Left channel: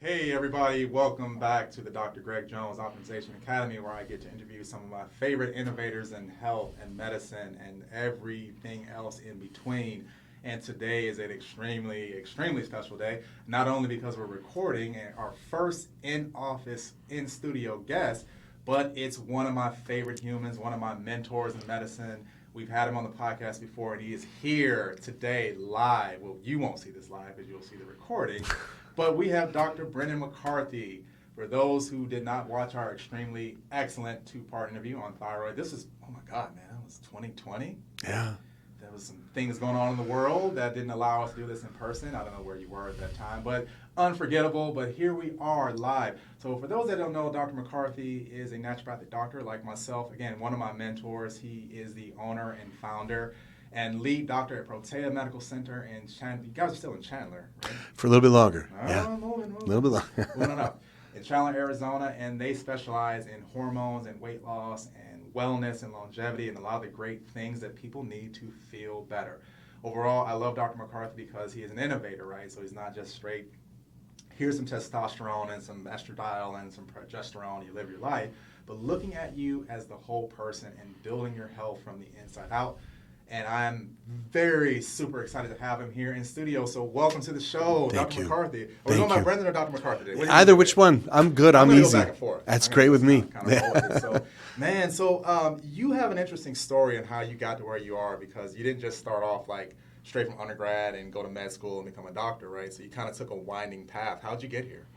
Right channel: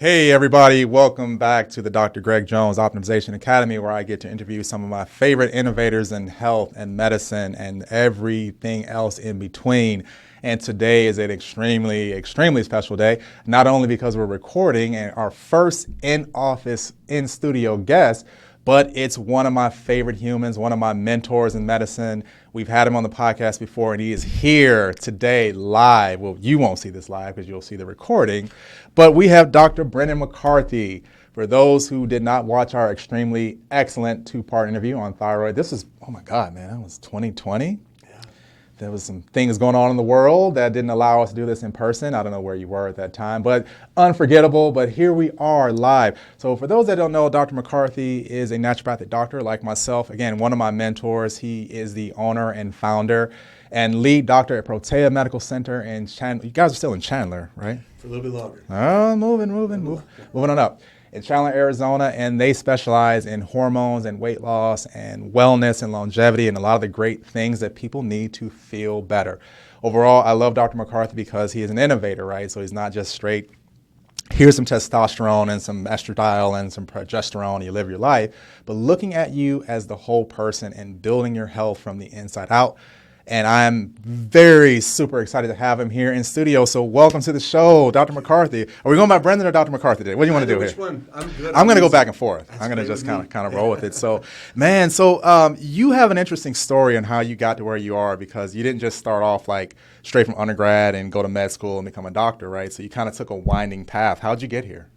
Hey everybody, welcome back to the Dr. Greg Jones Optimization Academy, where I get to interview some of my favorite innovators in health and medicine and everything else in between. And today is an extremely special day, not only because we're recording and our first in-office, in-studio guest, but it's one of my favorite humans, one of my mentors in medicine. We've had him on the podcast before, and he is here today live. Well, you won't see this live because you'll see the recording, but we have Dr. Brendan McCarthy. For those who did not watch our extremely excellent two-part interview on thyroid, this is, oh my God, man, that was 2020. Yeah. There was some things going on in the world that didn't allow us to do this in person. I don't know where you were at that time, but unforgettable. But here we are live. So for those that don't know, Dr. McCarthy is a naturopathic doctor like myself. Again, one of my mentors. He is the owner and founder and lead doctor at Protea Medical Center in Chandler. You guys are still in Chandler, right? For a little bit longer. Oh, moving. A little bit longer. Moving on up. In Chandler, Arizona, and they specialize in hormones and weight loss and wellness and longevity and a lot of the great things that people need to feel better. Overall, I love Dr. McCarthy because he is an innovator, right? So he's not just straight, here's some testosterone and some estradiol and some progesterone, you live your life, but looking at you as the whole person and building your health from the inside out. And I'm very super excited to have him here in studio. So welcome to the show, Dr. McCarthy. Are we going by Brendan or Dr. McCarthy today? What do you want to do which here? one. I'm good. I'm going to go back and forth. That's I'm great with me. Kind of roll with it. So, man, you have an interesting story on how you got to where you are, because you didn't just start off like straight from undergrad and go to med school and become a doctor, right? So you kind of took a winding path. How'd you get here?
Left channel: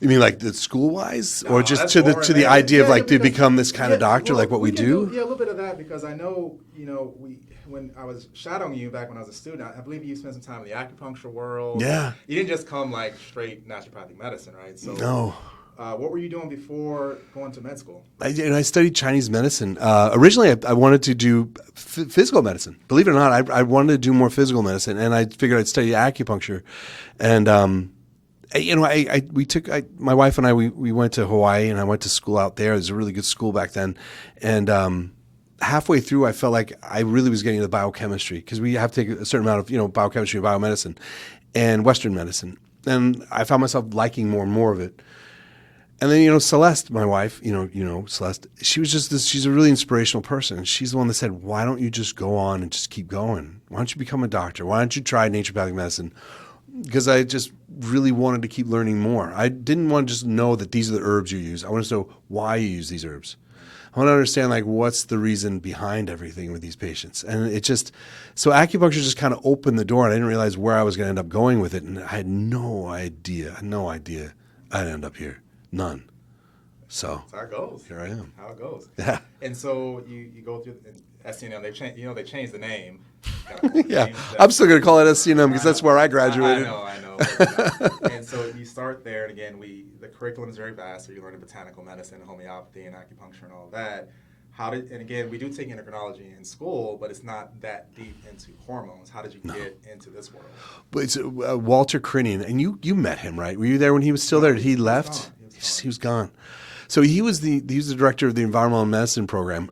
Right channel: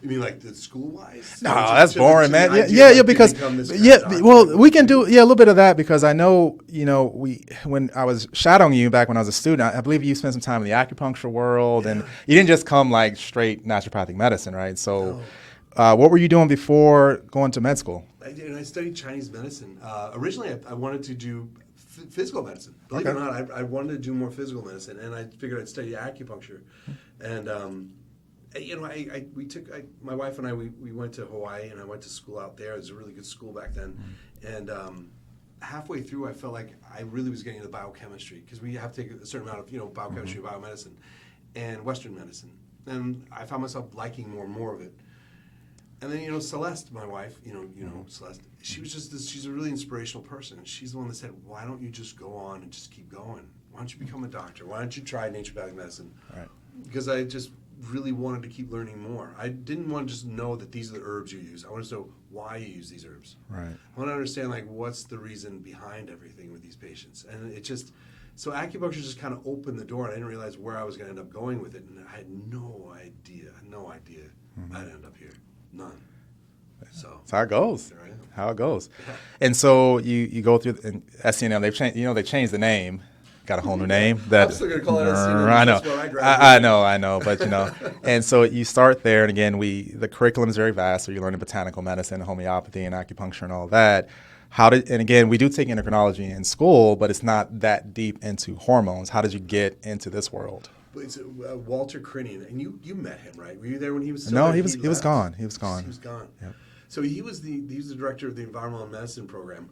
You mean like the school-wise? No, or just that's to boring, the man. idea of to become this kind of doctor? Well, like what we can do? do a little bit of that, because I know, when I was shadowing you back when I was a student, I believe you spent some time in the acupuncture world. Yeah. And you didn't just come like straight naturopathic medicine, right? So No. What were you doing before going to med school? I studied Chinese medicine. Originally, I wanted to do physical medicine. Believe it or not, I wanted to do more physical medicine, and I figured I'd study acupuncture. And my wife and I went to Hawaii, and I went to school out there. It was a really good school back then, and halfway through, I felt like I really was getting into biochemistry, because we have to take a certain amount of biochemistry and biomedicine and Western medicine, and I found myself liking more and more of it. And then, Celeste, my wife, Celeste, she was she's a really inspirational person. She's the one that said, why don't you just go on and just keep going? Why don't you become a doctor? Why don't you try naturopathic medicine? Because I just really wanted to keep learning more. I didn't want to just know that these are the herbs you use. I wanted to know why you use these herbs. Right. I want to understand what's the reason behind everything with these patients. And so acupuncture just kind of opened the door, and I didn't realize where I was going to end up going with it. And I had no idea I'd end up here. None. So that's how it goes. Here I am. How it goes. Yeah. And so you go through SCNM. They've changed. They changed the name. Got a whole new name. I'm still going to call it SCNM because that's where I graduated. I know. But and so you start there, and again, the curriculum is very vast. So you're learning botanical medicine, homeopathy, and acupuncture, and all that. And again, we do take endocrinology in school, but it's not that deep into hormones. How did you get into this world? But it's Walter Crinian, and you met him, right? Were you there when he was still there? He left. He was gone. He was gone. Yeah. So he was the director of the environmental medicine program.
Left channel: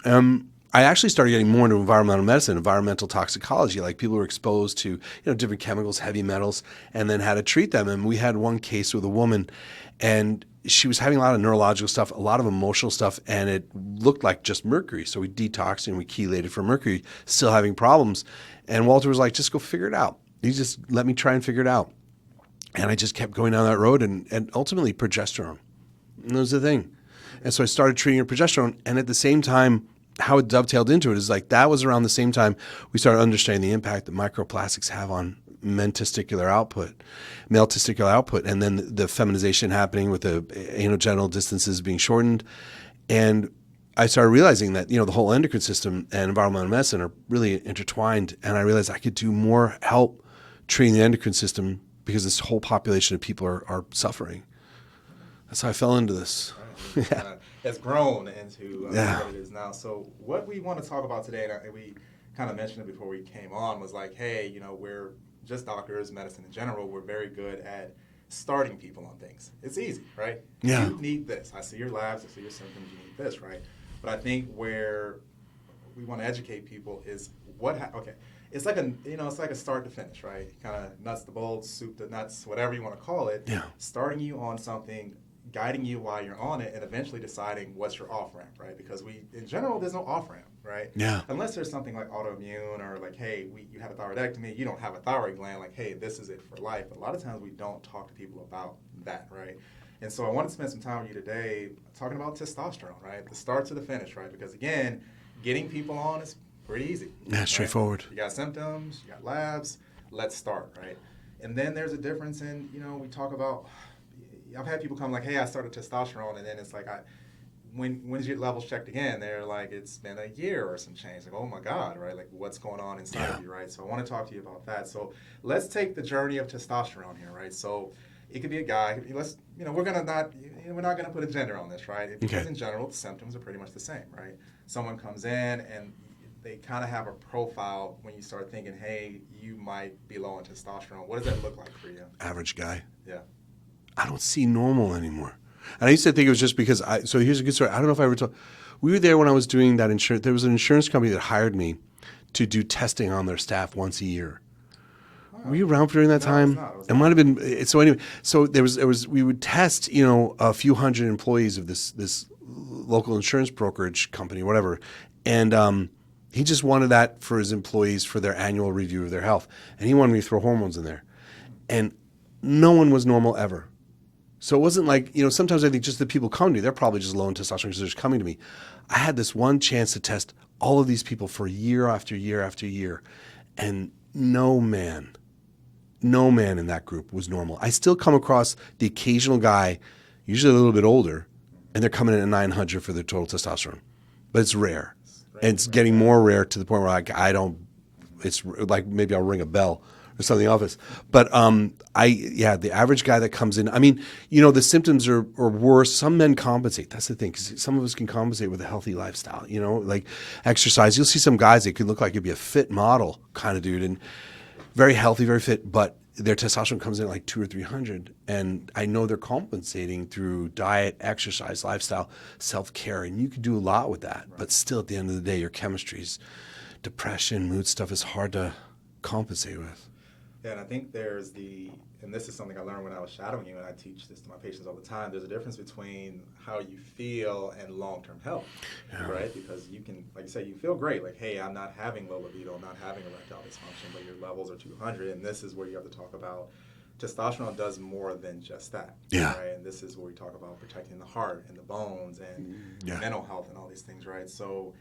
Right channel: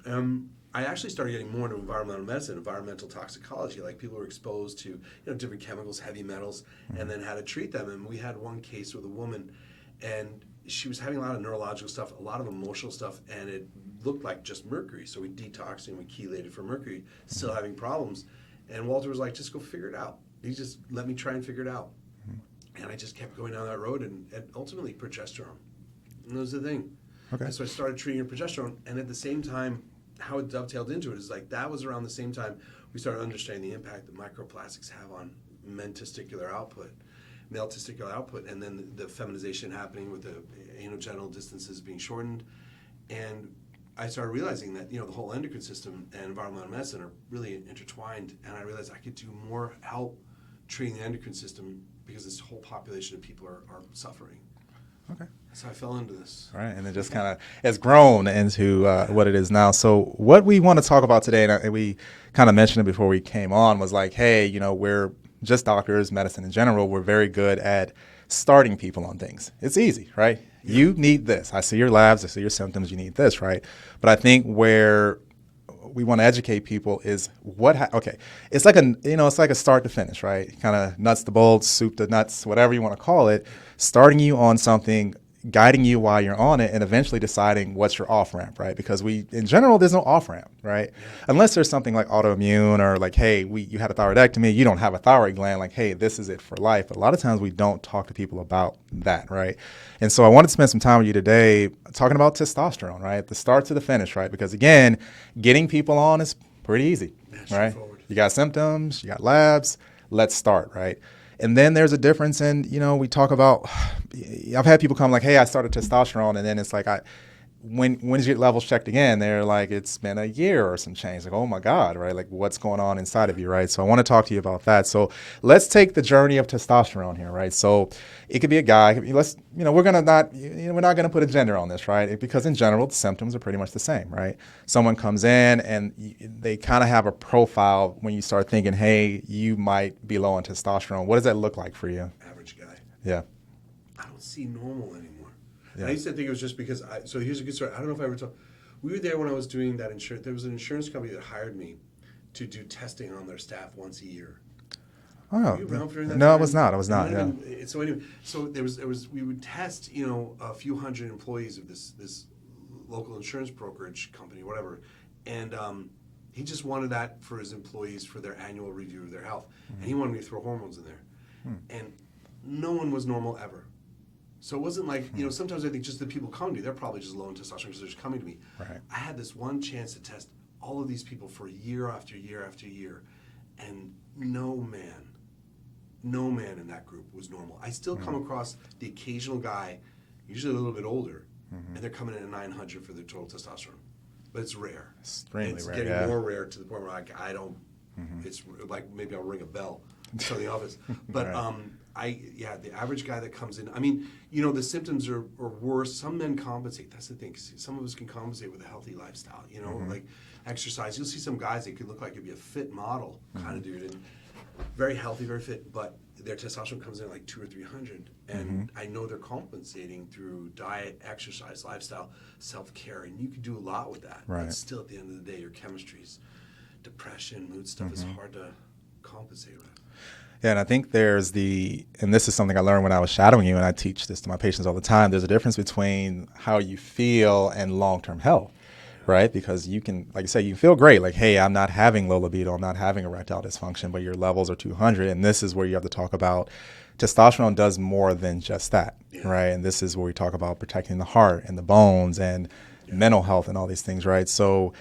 I actually started getting more into environmental medicine, environmental toxicology, like people were exposed to different chemicals, heavy metals, and then how to treat them. And we had one case with a woman, and she was having a lot of neurological stuff, a lot of emotional stuff, and it looked like just mercury. So we detoxed and we chelated for mercury, still having problems. And Walter was like, just go figure it out. He just let me try and figure it out. And I just kept going down that road, and ultimately progesterone. And that was the thing. Okay. And so I started treating her progesterone, and at the same time, how it dovetailed into it is that was around the same time we started understanding the impact that microplastics have on male testicular output, and then the feminization happening with the anogenital distances being shortened. And I started realizing that, the whole endocrine system and environmental medicine are really intertwined, and I realized I could do more help treating the endocrine system because this whole population of people are suffering. Okay. That's how I fell into this. Right, and it just kind of has grown into what it is now. So what we want to talk about today, and we kind of mentioned it before we came on, was like, hey, we're just doctors, medicine in general, we're very good at starting people on things. It's easy, right? Yeah. You need this. I see your labs, I see your symptoms, you need this, right? But I think where we want to educate people is okay. It's like it's like a start to finish, right? Kind of nuts to bolts, soup to nuts, whatever you want to call it. Yeah. Starting you on something, guiding you while you're on it, and eventually deciding what's your off ramp, right? Because in general, there's no off ramp, right? Yeah. Unless there's something like autoimmune or like, hey, you had a thyroidectomy, you don't have a thyroid gland, like, hey, this is it for life. But a lot of times we don't talk to people about that, right? And so I wanted to spend some time with you today talking about testosterone, right? The start to the finish, right? Because again, getting people on is pretty easy. Yeah, right? straightforward. You got symptoms, you got labs, let's start, right? And then there's a difference in, we talk about, I've had people come like, hey, I started testosterone, and then it's like, when did your levels checked again? They're like, it's been a year or some change. Like, oh my God, right? Like, what's going on inside of you, right? So I want to talk to you about that. So let's take the journey of testosterone here, right? So it could be a guy. We're not gonna put a gender on this, right? Because in general, the symptoms are pretty much the same, right? Someone comes in and they kind of have a profile when you start thinking, hey, you might be low on testosterone. What does that look like for you? Average guy. Yeah. I don't see normal anymore. And I used to think it was just because so here's a good story. I don't know if I ever told. We were there when I was doing that insurance. There was an insurance company that hired me to do testing on their staff once a year. Oh, were you around during that time? No, I was not. It might have been. So anyway, so there was we would test, a few hundred employees of this local insurance brokerage company, whatever, and he just wanted that for his employees for their annual review of their health, and he wanted me to throw hormones in there, and no one was normal ever. So it wasn't like, sometimes I think just the people come to me, they're probably just low in testosterone because they're just coming to me. Right. I had this one chance to test all of these people for year after year after year, and no man in that group was normal. I still come across the occasional guy, usually a little bit older, and they're coming in at 900 for their total testosterone. But it's rare. It's rare, getting more rare to the point where I don't, it's like maybe I'll ring a bell or something in the office. But the average guy that comes in, the symptoms are worse. Some men compensate. That's the thing. 'Cause some of us can compensate with a healthy lifestyle, like exercise. You'll see some guys that could look like you'd be a fit model kind of dude and very healthy, very fit, but their testosterone comes in at like 200 or 300. And I know they're compensating through diet, exercise, lifestyle, self-care. And you can do a lot with that. Right. But still, at the end of the day, your chemistry's depression, mood stuff is hard to compensate with. Yeah, and I think and this is something I learned when I was shadowing you, and I teach this to my patients all the time, there's a difference between how you feel and long-term health, right? Because you can, like you say, you feel great, like, hey, I'm not having low libido, I'm not having erectile dysfunction, but your levels are 200, and this is where you have to talk about testosterone does more than just that, right? And this is where we talk about protecting the heart and the bones and mental health and all these things, right? So,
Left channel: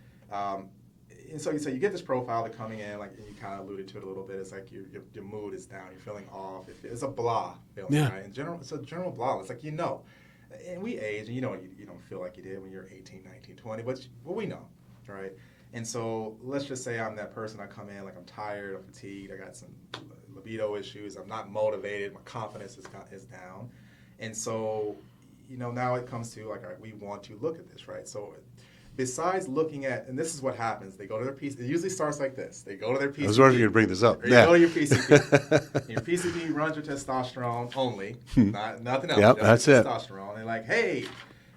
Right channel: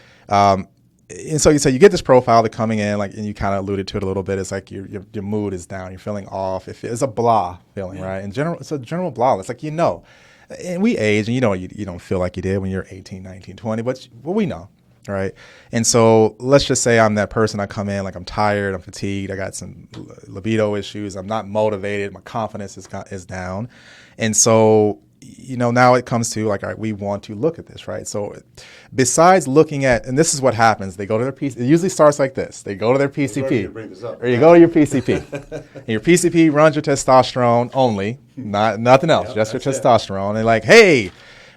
and so you get this profile that coming in, like, and you kind of alluded to it a little bit. It's like your mood is down, you're feeling off. It's a blah feeling, right? In general, it's a general blah. It's like, and we age, and you don't feel like you did when you're 18, 19, 20, but we know, right? And so let's just say I'm that person. I come in like I'm tired, I'm fatigued, I got some libido issues, I'm not motivated, my confidence is down, and so now it comes to like, all right, we want to look at this, right? So besides looking at, and this is what happens, they go to their PCP. It usually starts like this. They go to their PCP. I was wondering if you'd bring this up. Or you go to your PCP. And your PCP runs your testosterone only, nothing else, just your testosterone. And they're like, hey,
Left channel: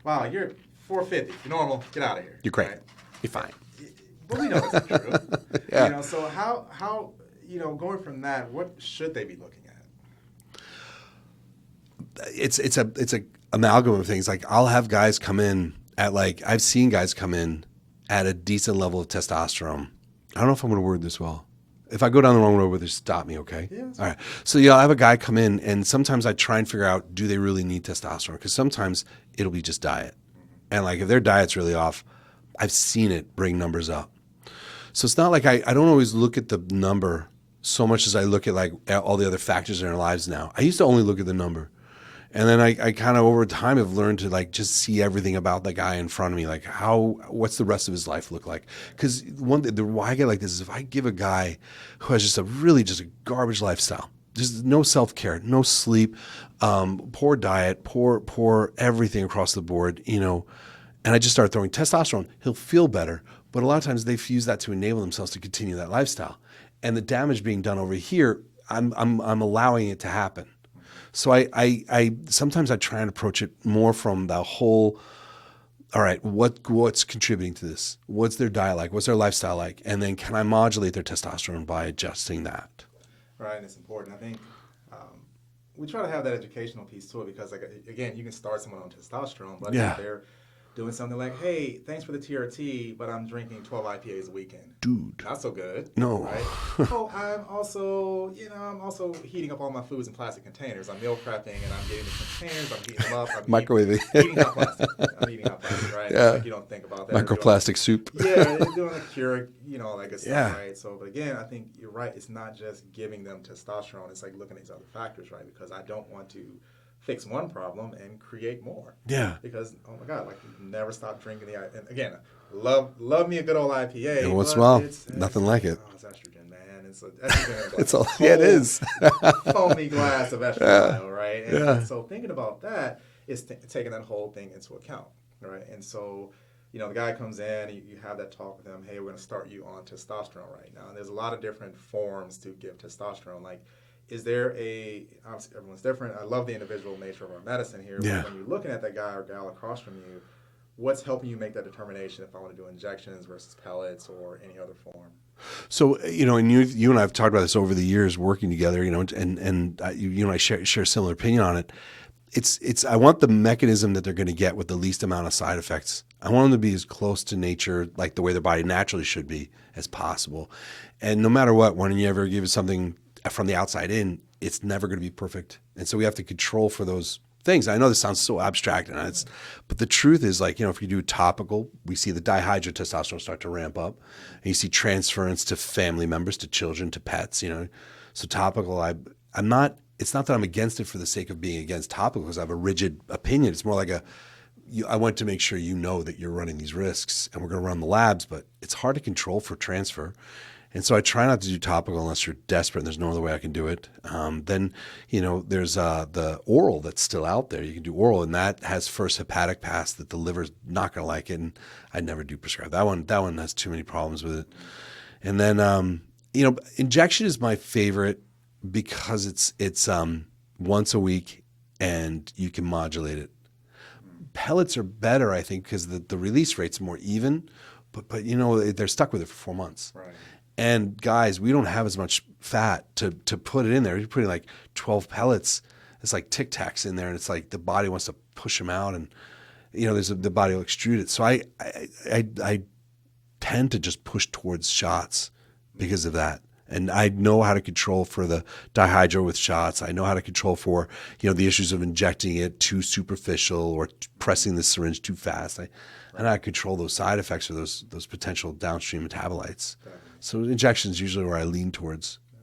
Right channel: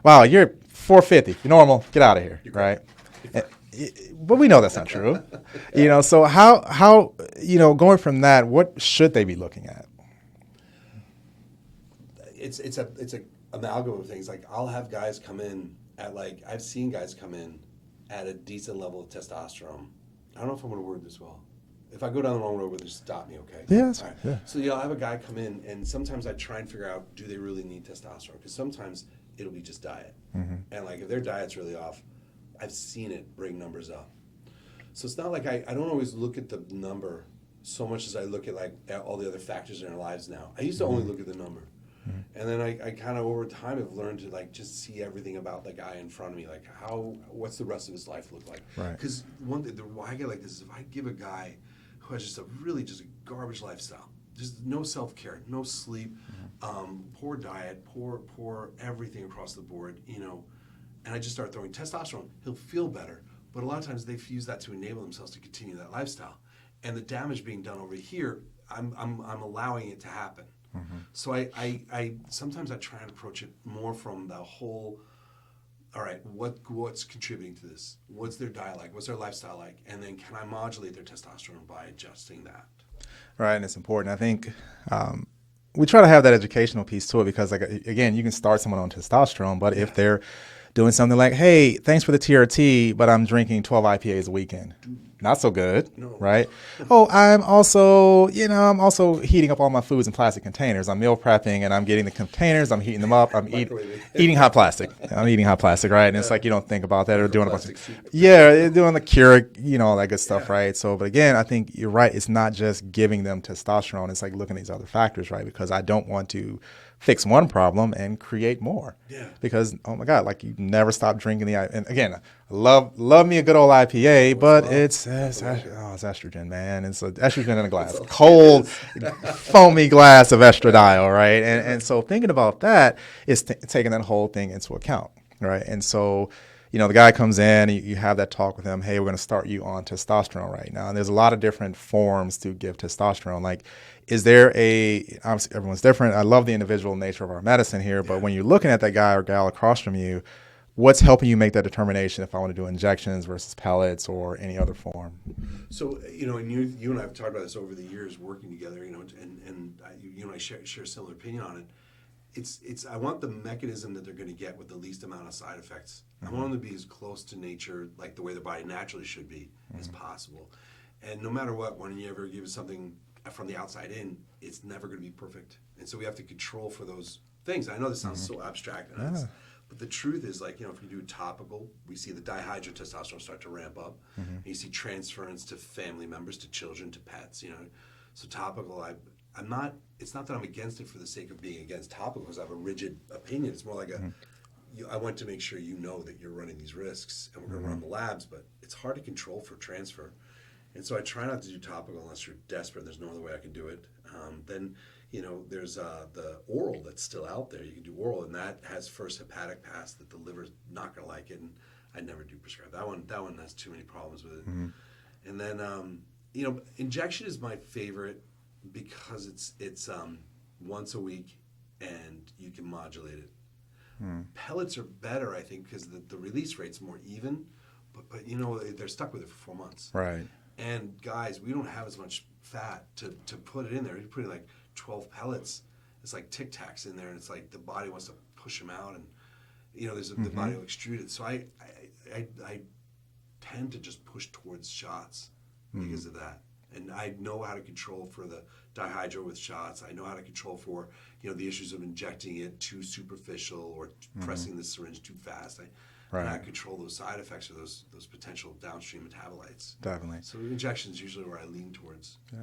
wow, you're 450. You're normal. Get out of here. You're great. Right? You're fine. But we know that's not true. So how going from that, what should they be looking at? It's a amalgam of things. Like, I'll have guys come in at I've seen guys come in at a decent level of testosterone. I don't know if I'm going to word this well. If I go down the wrong road, just stop me, okay? Yeah. All right. Yeah. So I have a guy come in, and sometimes I try and figure out, do they really need testosterone? Because sometimes it'll be just diet. And if their diet's really off, I've seen it bring numbers up. So it's not like I don't always look at the number so much as I look at all the other factors in our lives now. I used to only look at the number. And then I kind of over time have learned to just see everything about the guy in front of me, what's the rest of his life look like? Because why I get like this is if I give a guy who has just a garbage lifestyle, just no self-care, no sleep, poor diet, poor everything across the board, and I just start throwing testosterone, he'll feel better. But a lot of times they've used that to enable themselves to continue that lifestyle, and the damage being done over here, I'm allowing it to happen. So I sometimes I try and approach it more from the whole all right, what's contributing to this? What's their diet like? What's their lifestyle like? And then can I modulate their testosterone by adjusting that? Right, and it's important. I think we try to have that educational piece to it because, like, again, you can start someone on testosterone, but if they're doing something like, hey, thanks for the TRT, but I'm drinking 12 IPAs a weekend. Dude. Not so good. No. Right? Oh, I'm also heating up all my foods in plastic containers. I'm meal prepping and I'm getting the containers, I'm heating them up. I'm eating hot plastic. I'm eating hot plastic, right? Yeah. It's like you don't think about that. Microplastic soup. Yeah, they're doing the Keurig, all that good stuff, right? So, but again, I think you're right. It's not just giving them testosterone. It's like looking at these other factors, right? Because I don't want to fix one problem and create more. Yeah. Because, oh my God, like you never stop drinking and again, love me a good old IPA, but it's nothing like it. Oh, it's estrogen, man. It's estrogen in a glass. Cold, foamy glass of estradiol, right? And so thinking about that is taking that whole thing into account, right? And so, the guy comes in, you have that talk with him, hey, we're going to start you on testosterone right now. And there's a lot of different forms to give testosterone. Like, is there obviously everyone's different. I love the individual nature of our medicine here, but when you're looking at that guy or gal across from you, what's helping you make that determination if I want to do injections versus pellets or any other form? So, and you and I have talked about this over the years working together, and you and I share a similar opinion on it. It's I want the mechanism that they're going to get with the least amount of side effects. I want them to be as close to nature, like the way their body naturally should be, as possible. And no matter what, when you ever give something from the outside in, it's never going to be perfect. And so we have to control for those things. I know this sounds so abstract, but the truth is, like, if you do topical, we see the dihydrotestosterone start to ramp up, and you see transference to family members, to children, to pets. So topical, I'm not. It's not that I'm against it for the sake of being against topical because I have a rigid opinion. It's more like I want to make sure that you're running these risks, and we're going to run the labs, but it's hard to control for transfer. And so I try not to do topical unless you're desperate and there's no other way I can do it. Then, there's the oral that's still out there. You can do oral, and that has first hepatic pass that the liver's not going to like it, and I never do prescribe that one. That one has too many problems with it. And then, injection is my favorite because it's once a week and you can modulate it. Pellets are better, I think, because the release rate's more even, but they're stuck with it for 4 months. Right. And guys, we don't have as much fat to put it in there. You're putting like 12 pellets. It's like Tic Tacs in there, and it's like the body wants to push them out, and the body will extrude it. So I tend to just push towards shots because of that. And I know how to control for the dihydro with shots. I know how to control for the issues of injecting it too superficial or pressing the syringe too fast. And I control those side effects or those potential downstream metabolites. Definitely. So injection is usually where I lean towards. Yeah.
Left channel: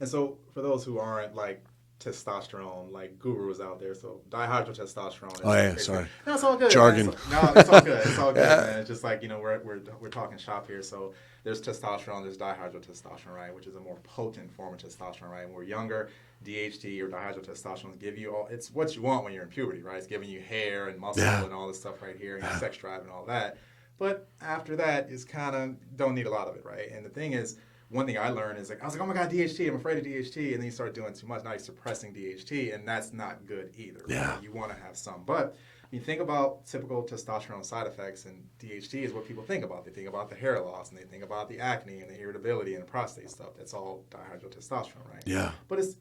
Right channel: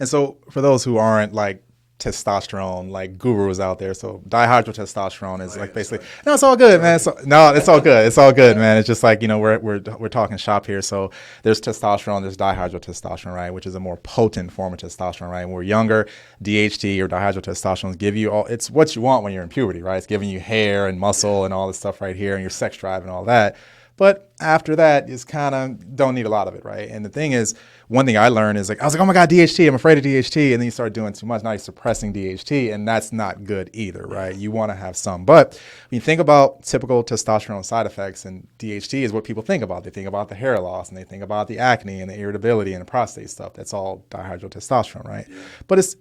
And so for those who aren't like testosterone like gurus out there, so dihydrotestosterone is basically no, it's all good, man. No, it's all good. It's all good, man. It's just like we're talking shop here. So there's testosterone, there's dihydrotestosterone, right, which is a more potent form of testosterone, right? When we're younger, DHT or dihydrotestosterone give you it's what you want when you're in puberty, right? It's giving you hair and muscle and all this stuff right here, and your sex drive and all that. But after that, it's kind of don't need a lot of it, right? And the thing is, one thing I learned is I was like, oh my God, DHT, I'm afraid of DHT. And then you start doing too much. Now you're suppressing DHT, and that's not good either, right? You want to have some. But when you think about typical testosterone side effects, and DHT is what people think about. They think about the hair loss, and they think about the acne and the irritability and the prostate stuff. That's all dihydrotestosterone, right? Yeah. But it's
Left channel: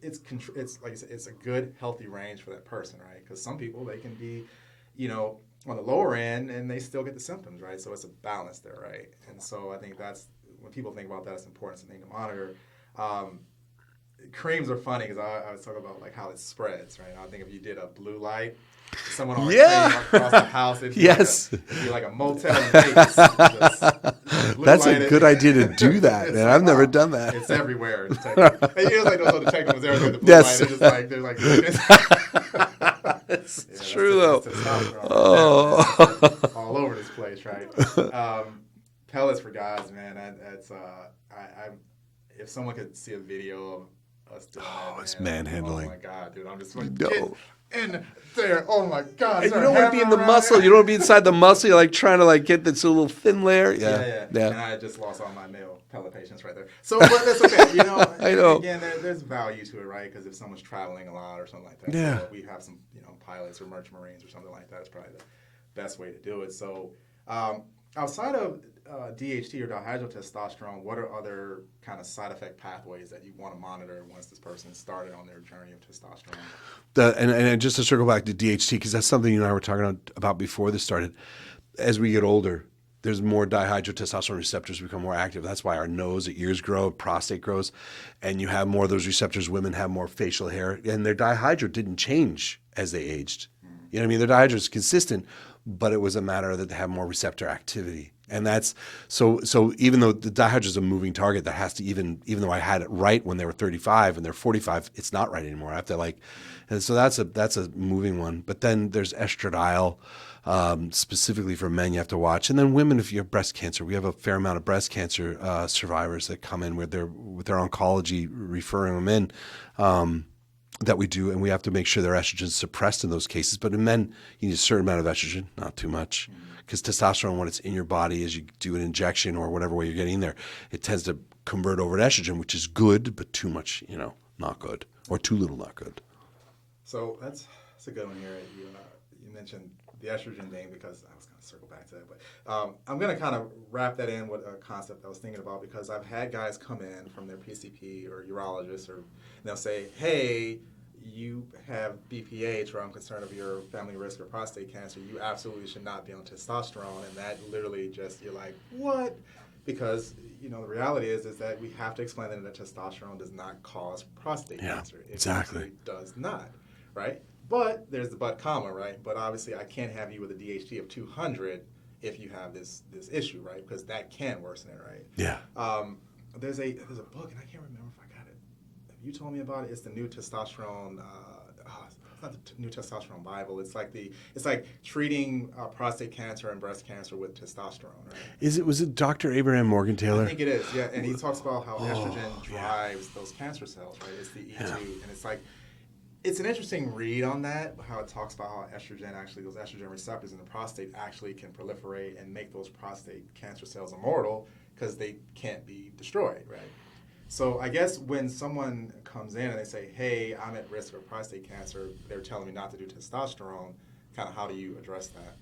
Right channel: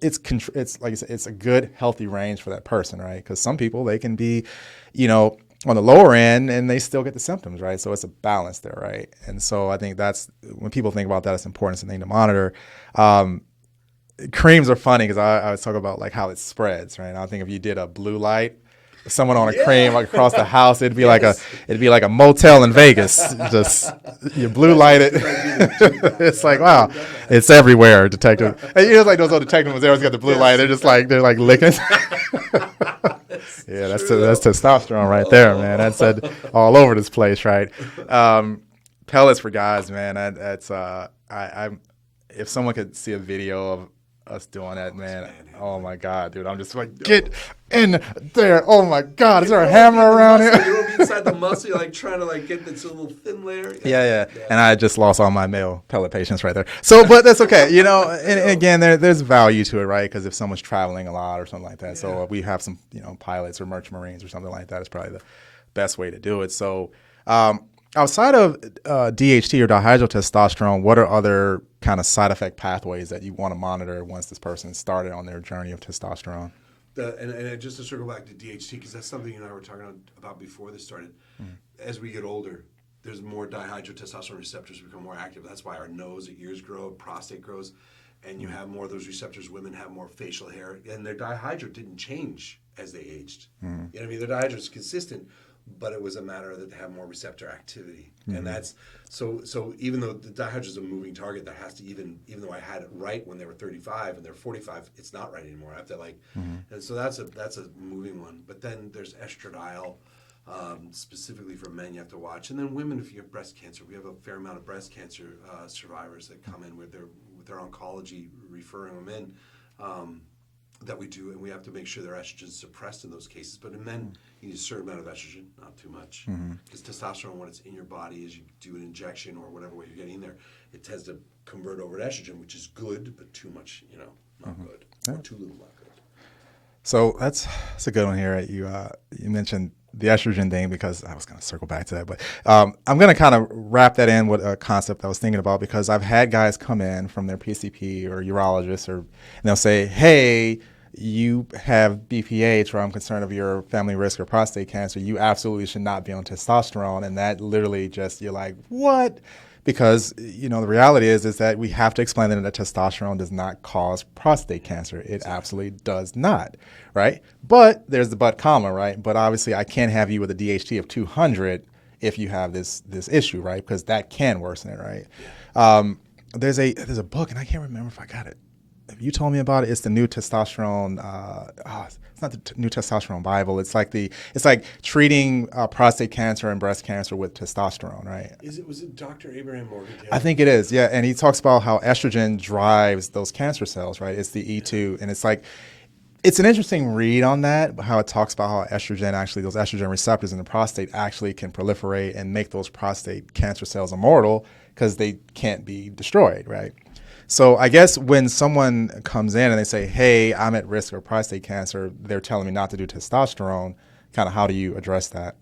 like I said, it's a good, healthy range for that person, right? Because some people, they can be, on the lower end and they still get the symptoms, right? So it's a balance there, right? And so I think that's, when people think about that, it's important. It's a thing to monitor. Creams are funny because I always talk about like how it spreads, right? I think if you did a blue light, someone on a cream like across the house, it'd be like a motel in Vegas. Just blue light. That's a good idea to do that. It's man. like, I've never done that. It's everywhere. Detective. And like those old detective ones. They always got the blue light. They're like licking. That's testosterone right there, man. That's it all over this place, right? Pellets for guys, man. That's if someone could see a video of us doing that, man. Oh my God, dude! I'm just like, get in there. Oh my God, is there a hammer around here? You don't want to be inside the muscle. You're like trying to like get this little thin layer. Yeah. And I just lost all my male pellet patients right there. So, but that's okay. And again, there's value to it, right? Because if someone's traveling a lot or something like that, so we have some, pilots or merchant marines or something like that, it's probably the best way to do it. So outside of DHT or dihydrotestosterone, what are other kind of side effect pathways that you want to monitor once this person started on their journey of testosterone? And just to circle back to DHT, because that's something you and I were talking about before this started. As we get older, there's more dihydrotestosterone receptors become more active. That's why our nose, the ears grow, prostate grows, and you have more of those receptors. Women have more facial hair, and their dihydro didn't change as they aged. You know what I mean? Their dihydro is consistent, but it was a matter that they have more receptor activity. And that's so even though the dihydro is a moving target that has to, even though I had it right when they were 35 and they're 45, it's not right anymore. I have to and so that's a moving one. But then there's estradiol. Specifically for men, you have to watch. And then women, if you have breast cancer, we have a fair amount of breast cancer survivors that come in with their oncology referring them in that we do, and we have to make sure their estrogen is suppressed in those cases. But in men, you need a certain amount of estrogen, not too much, because testosterone, when it's in your body, as you do an injection or whatever way you're getting there, it tends to convert over to estrogen, which is good, but too much, not good, or too little, not good. So that's a good one here. You mentioned the estrogen thing, because I was going to circle back to that, but I'm going to kind of wrap that in with a concept I was thinking about, because I've had guys come in from their PCP or urologist, and they'll say, hey, you have BPH, or I'm concerned of your family risk or prostate cancer. You absolutely should not be on testosterone. And that literally just, you're like, what? Because, the reality is that we have to explain that testosterone does not cause prostate cancer. It absolutely does not, right? But there's the but comma, right? But obviously I can't have you with a DHT of 200 if you have this issue, right? Because that can worsen it, right? Yeah. There's a book, and I can't remember if I got it. If you told me about it, it's the new testosterone. It's not the new testosterone Bible. It's like treating prostate cancer and breast cancer with testosterone, right? Was it Dr. Abraham Morgan Taylor? I think it is, yeah. And he talks about how estrogen drives those cancer cells, right? It's the E2, and it's an interesting read on that, how it talks about how estrogen, actually those estrogen receptors in the prostate actually can proliferate and make those prostate cancer cells immortal because they can't be destroyed, right? So I guess when someone comes in and they say, hey, I'm at risk of prostate cancer, they're telling me not to do testosterone, kind of how do you address that?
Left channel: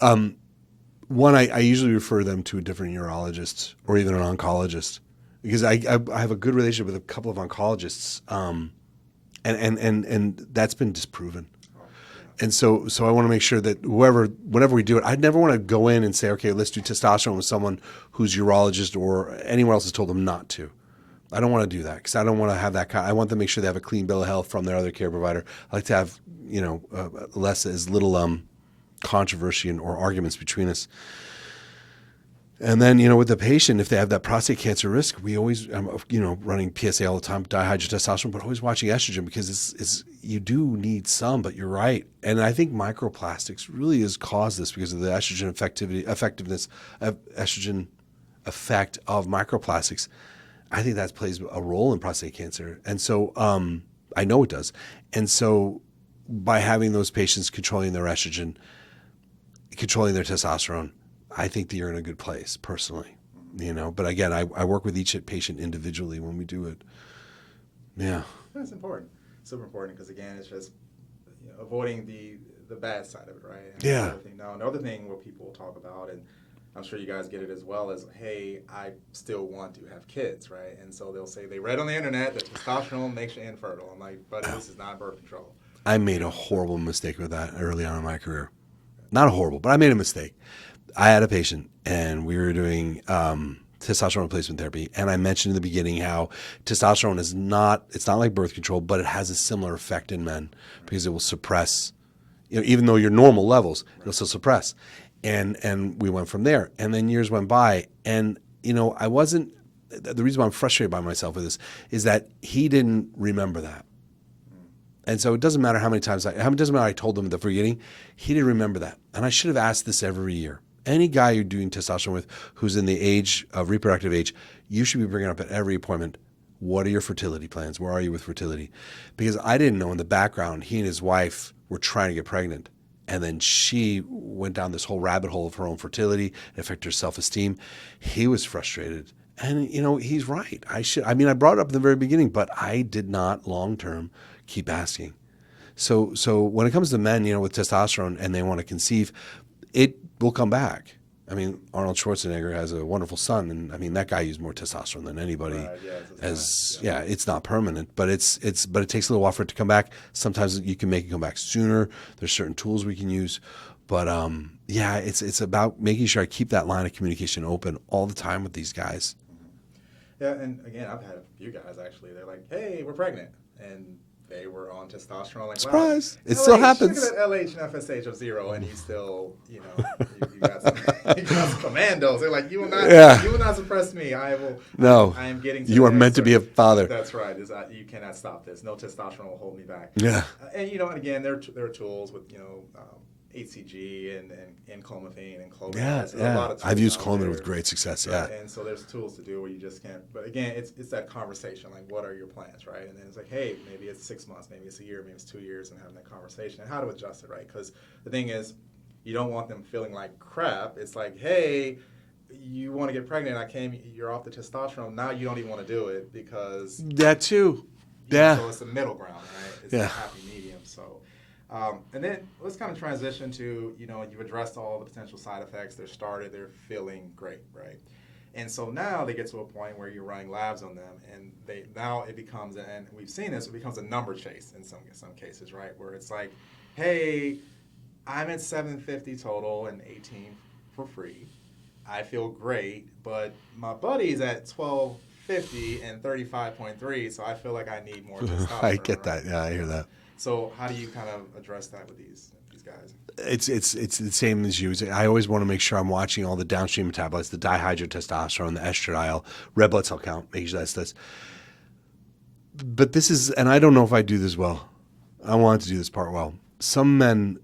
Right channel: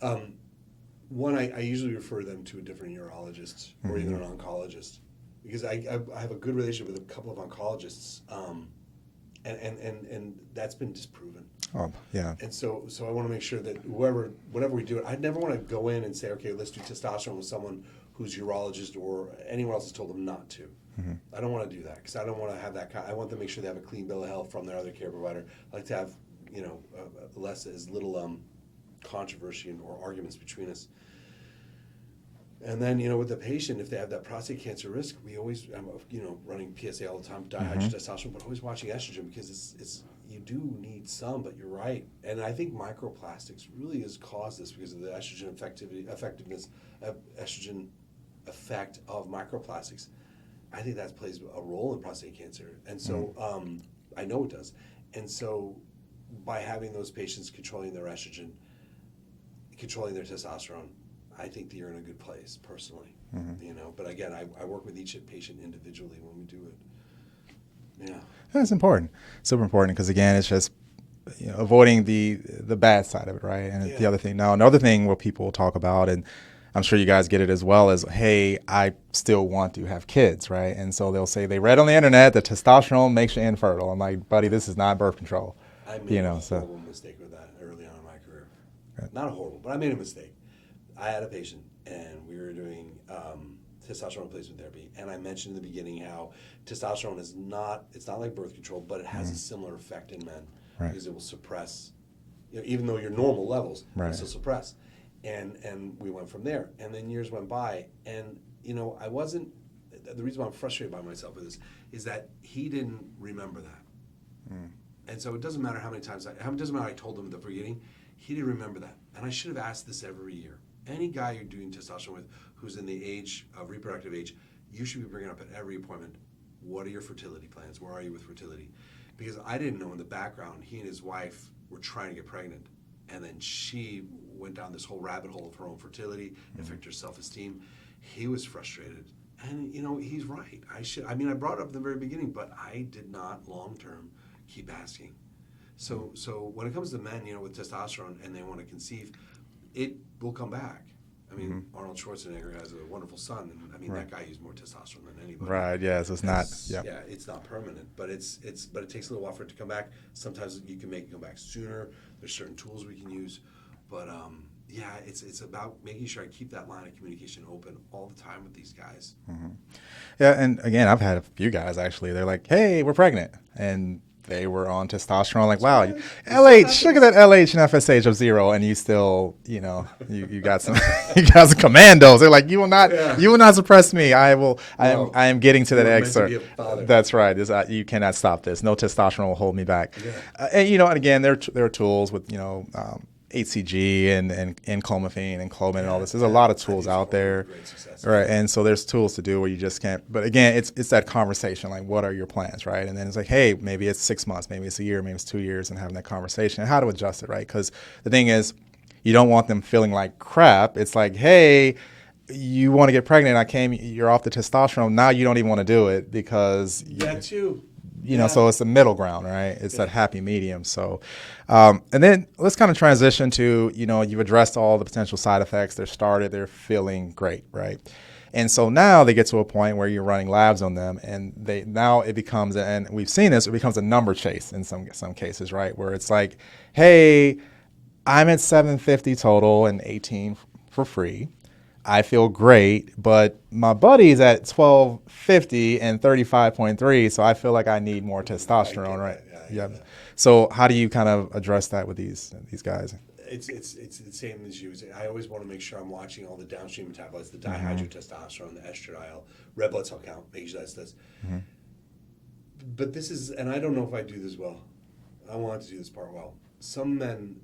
One, I usually refer them to a different urologist or even an oncologist, because I have a good relationship with a couple of oncologists, and that's been disproven. Oh, yeah. And so I want to make sure that whenever we do it, I'd never want to go in and say, okay, let's do testosterone with someone whose urologist or anyone else has told them not to. I don't want to do that, because I don't want to have that I want them to make sure they have a clean bill of health from their other care provider. I like to have, as little controversy or arguments between us. And then, with the patient, if they have that prostate cancer risk, we always, running PSA all the time, dihydrotestosterone, but always watching estrogen, because you do need some, but you're right. And I think microplastics really has caused this because of the estrogen effectiveness of estrogen effect of microplastics. I think that plays a role in prostate cancer. And so I know it does. And so by having those patients controlling their estrogen, controlling their testosterone, I think that you're in a good place personally, But again, I work with each patient individually when we do it. Yeah, that's important, super important, because again, it's just avoiding the bad side of it, right? And the other thing. Now, another thing where people talk about, and I'm sure you guys get it as well, is, hey, I still want to have kids, right? And so they'll say they read on the internet that testosterone makes you infertile. I'm like, buddy, this is not birth control. I made a horrible mistake with that early on in my career. Not horrible, but I made a mistake. I had a patient, and we were doing testosterone replacement therapy, and I mentioned in the beginning how testosterone it's not like birth control, but it has a similar effect in men, because it will suppress, even though your normal levels, it'll still suppress. And we went from there. And then years went by, and I wasn't, the reason why I'm frustrated by myself with this is that he didn't remember that. And so it doesn't matter how many times I told him at the beginning, he didn't remember that. And I should have asked this every year. Any guy you're doing testosterone with who's in the age of reproductive age, you should be bringing up at every appointment, what are your fertility plans? Where are you with fertility? Because I didn't know in the background, he and his wife were trying to get pregnant. And then she went down this whole rabbit hole of her own fertility, it affected her self-esteem. He was frustrated. And, he's right. I brought it up in the very beginning, but I did not long-term keep asking. So when it comes to men, with testosterone and they want to conceive, it will come back. I mean, Arnold Schwarzenegger has a wonderful son, and I mean that guy used more testosterone than anybody. Right. Yeah. So it's not. Yeah, it's not permanent, but it takes a little while for it to come back. Sometimes you can make it come back sooner. There's certain tools we can use, but yeah, it's about making sure I keep that line of communication open all the time with these guys. Yeah, and again, I've had a few guys actually. They're like, "Hey, we're pregnant," and they were on testosterone. Like, wow, Surprise. It LH, still happens. look at that LH and FSH of 0, and you still, you got some, you got some commandos. They're like, you will not suppress me. I will. No, I am getting to you the are next meant to be a father. That's right. You cannot stop this. No testosterone will hold me back. Yeah, and and again, there are tools with HCG and clomiphene and clomid and all this. There's a lot of tools I've used out clomid there. with great success. Right. Yeah. And so there's tools to do where you just can't. But again, it's that conversation. Like, what are your plans, right? And then it's like, hey, maybe it's 6 months, maybe it's a year, maybe it's 2 years, and having that conversation and how to adjust it, right? Because the thing is, you don't want them feeling like crap. It's like, hey, you want to get pregnant. You're off the testosterone. Now you don't even want to do it because that too. So it's a middle ground, right? It's a happy medium. So, and then let's kind of transition to, you've addressed all the potential side effects. They're feeling great, right? And so now they get to a point where you're running labs on them, and it becomes, and we've seen this, it becomes a number chase in some cases, right? Where it's like, hey, I'm at 750 total and 18 for free. I feel great, but my buddy's at 1250 and 35.3, so I feel like I need more testosterone. I get right? that. Yeah, I get that. So how do you kind of address that with these guys? It's the same as you. I always want to make sure I'm watching all the downstream metabolites, the dihydrotestosterone, the estradiol, red blood cell count, making sure that's this. But this is, and I don't know if I do this well. I want to do this part well. Some men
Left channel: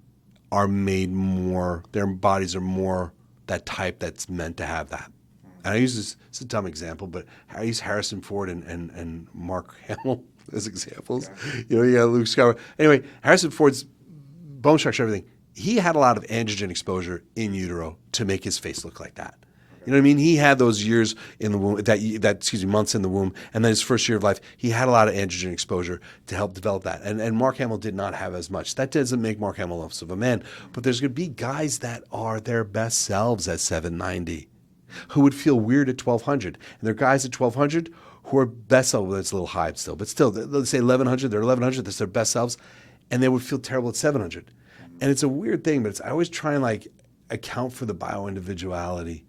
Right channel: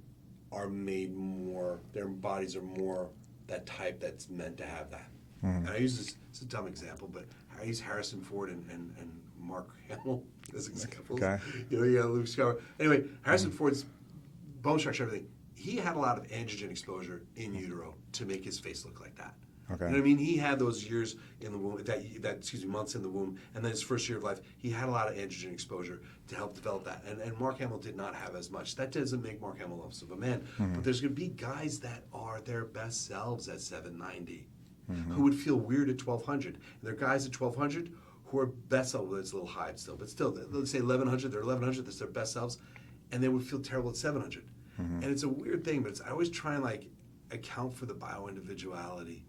are made more, their bodies are more that type that's meant to have that. And I use this, it's a dumb example, but I use Harrison Ford and Mark Hamill as examples. Okay. You got Luke Skywalker. Anyway, Harrison Ford's bone structure, everything, he had a lot of androgen exposure in utero to make his face look like that. Okay. You know what I mean? He had those years in the womb, months in the womb, and then his first year of life, he had a lot of androgen exposure to help develop that. And Mark Hamill did not have as much. That doesn't make Mark Hamill less of a man. But there's going to be guys that are their best selves at 790 who would feel weird at 1200. And there are guys at 1200 who are best selves. Well, that's a little high still, but still, let's say 1100, they're 1100, that's their best selves, and they would feel terrible at 700. And it's a weird thing, but I always try and account for the bio-individuality.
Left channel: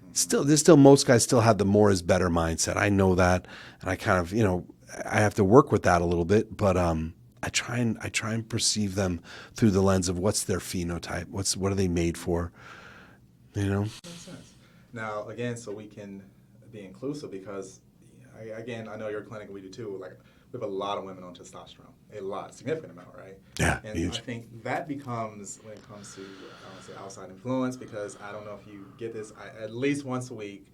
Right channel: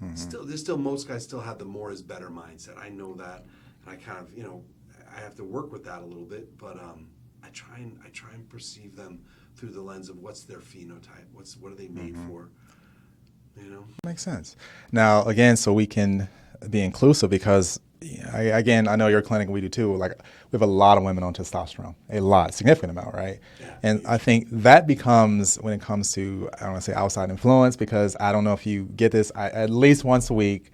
There's still most guys still have the more is better mindset. I know that, and I kind of I have to work with that a little bit. But I try and perceive them through the lens of what's their phenotype, what are they made for, Makes sense. Now again, so we can be inclusive because I know your clinic, we do too. Like we have a lot of women on testosterone, significant amount, right? Yeah. And huge. I think that becomes, when it comes to, I don't want to say outside influence, because I don't know if you get this, at least once a week,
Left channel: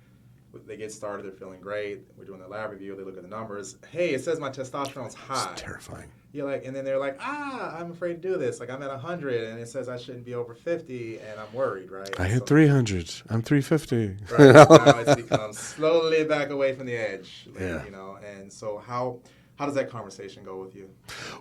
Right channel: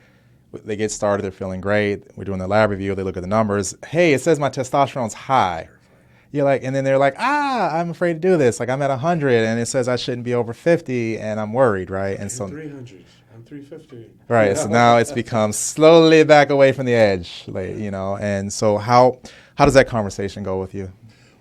they get started, they're feeling great. We're doing the lab review, they look at the numbers. Hey, it says my testosterone's high. It's terrifying. You're like, and then they're like, I'm afraid to do this. Like I'm at 100 and it says I shouldn't be over 50 and I'm worried, right? I hit 300. I'm 350. Right. So now it's become slowly back away from the edge, and so how does that conversation go with you?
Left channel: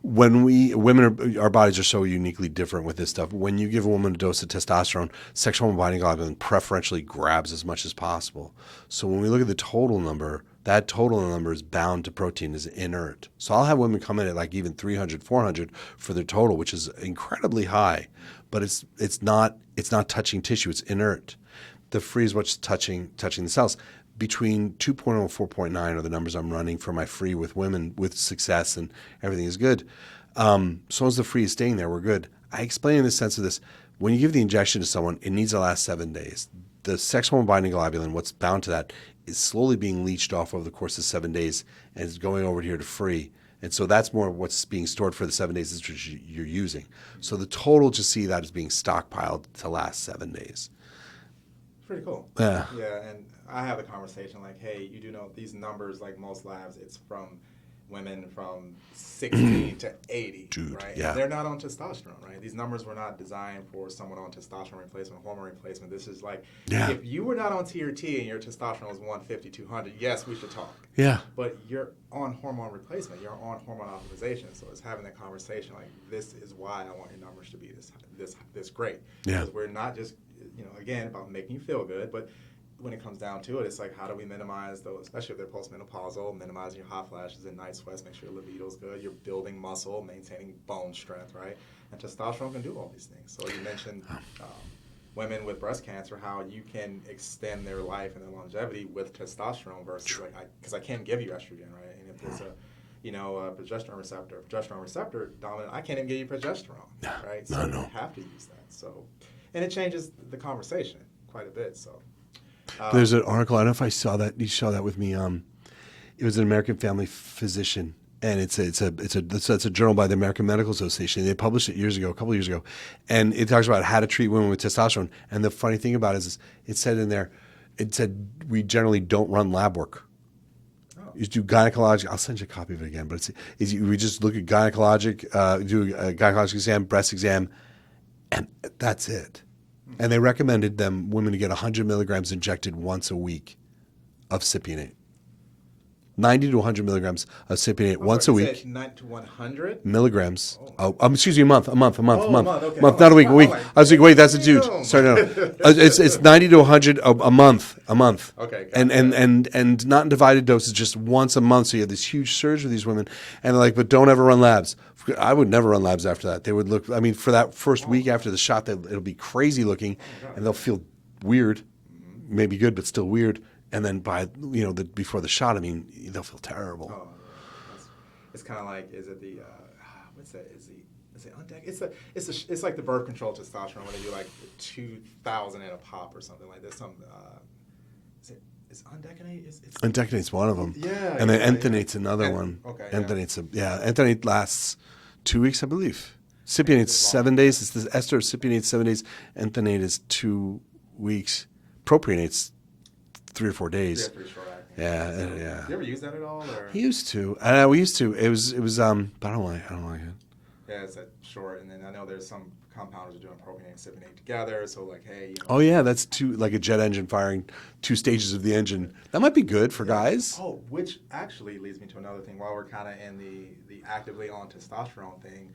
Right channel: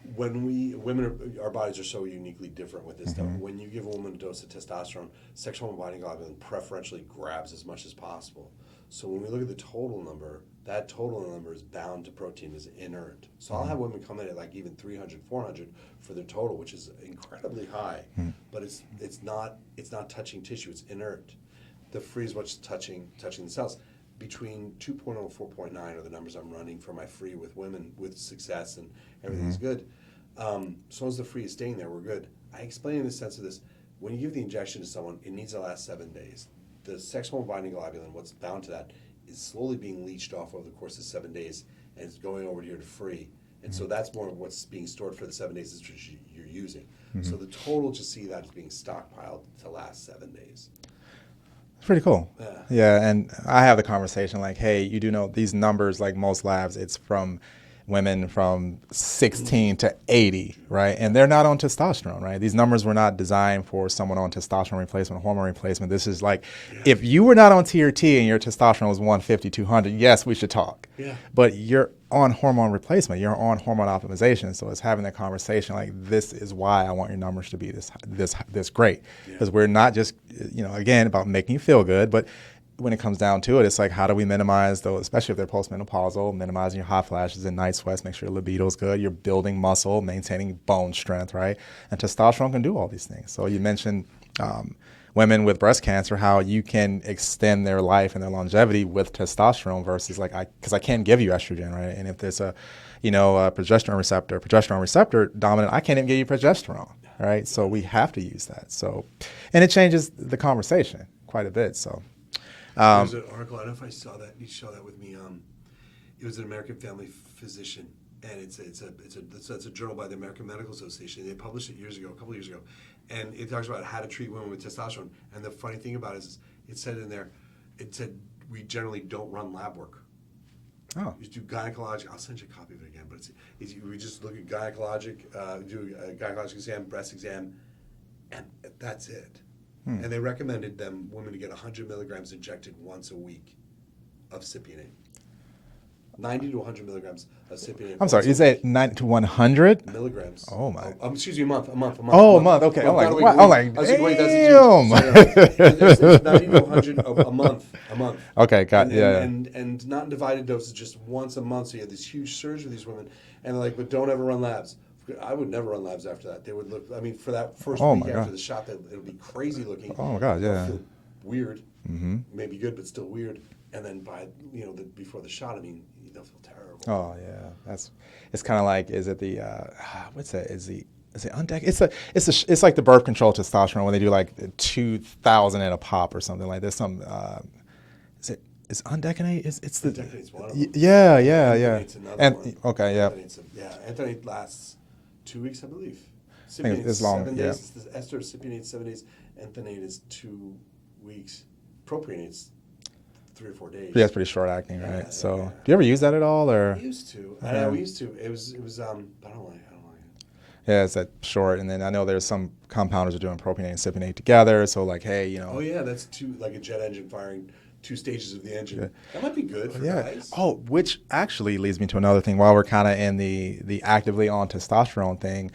When our bodies are so uniquely different with this stuff. When you give a woman a dose of testosterone, sexual hormone binding globulin preferentially grabs as much as possible. So when we look at the total number, that total number is bound to protein, is inert. So I'll have women come in at even 300, 400 for their total, which is incredibly high, but it's not touching tissue, it's inert. The free is what's touching the cells. Between 2.0 and 4.9 are the numbers I'm running for my free with women with success, and everything is good. So long as the free is staying there, we're good. I explain in the sense of this. When you give the injection to someone, it needs to last 7 days. The sex hormone binding globulin, what's bound to that, is slowly being leached off over the course of 7 days, and it's going over here to free. And so that's more what's being stored for the 7 days that you're using. So the total, just see that as being stockpiled to last 7 days. It's pretty cool. Yeah. Yeah, and I have the conversation like, hey, you do know these numbers, like most labs, it's from women from 16 to 80, Dude, right? yeah. And they're not on testosterone, right? These numbers were not designed for someone on testosterone replacement, hormone replacement. This is like, if you were not on TRT and your testosterone was 150, 200, yes, we should talk. Yeah. But you're on hormone replacement. You're on hormone optimization. So it's having that conversation like, this is why I want your numbers to be this great. Because we're not just, again, about making you feel good, but when it comes down to it, it's like, how do we minimize those, especially if they're postmenopausal, minimizing your hot flashes and night sweats, make sure your libido's good, you're building muscle, maintaining bone strength, right? And testosterone can do all these things. So you mentioned women with breast cancer, how you can extend their life and their longevity with testosterone versus because I can't give you estrogen, right? And if there's a progesterone receptor dominant, I can't even give you progesterone, right? So we have to use that. So, and it changes the conversation quite a bit. So. There's an article. I don't know if I saw that. You saw that with me. It was an American Family Physician, and it's a journal by the American Medical Association. They published it a couple of years ago, and it talks about how to treat women with testosterone. And the funny thing about it is, it said in there, we generally don't run lab work. Oh. You do gynecologic. I'll send you a copy of it again. But we just look at gynecologic, do a gynecologic exam, breast exam, and that's it. And they recommended women to get 100 milligrams injected once a week of cypionate. 90 to 100 milligrams of cypionate once a week. You said 90 to 100 milligrams. Oh, excuse me, a month. Oh, a month. Okay. Not a week. I was like, wait, that's a dude. Sorry, no. It's 90 to 100 a month. Okay, got it. And not in divided doses, just once a month. So you have this huge surge with these women, and they're like, but don't ever run labs. I would never run labs after that. They would look. I mean, for that first week after the shot, it'll be crazy looking. Oh my God! They'll feel weird, maybe good, but still weird. And then by before the shot, I mean, they'll feel terrible. Oh yeah, it's kind of like, is it the what's that? Is it undec? It's like the birth control testosterone when they do like 2,000 at a pop or something like this. Is undecanate? Undeconate's one of them. Yeah, and yeah. Enthanate's another one. Okay, Enthanate lasts 2 weeks, I believe. Cypionate's 7 days. It's the ester of cypionate 7 days. Enthanate is 2 weeks. Propionate's 3 or 4 days. Yeah, it's pretty short acting. Yeah, right? So, yeah. do you ever use that at all, or? We used to. We used to. It was. But I don't like it. Yeah, it's that short, and then I know there's some compounders are doing propionate and cypionate together. So like, hey, Oh yeah, that's like a jet engine firing 2 stages of the engine. That might be good for guys. Oh, which actually leads me to another thing. While we're kind of in the actively on testosterone thing,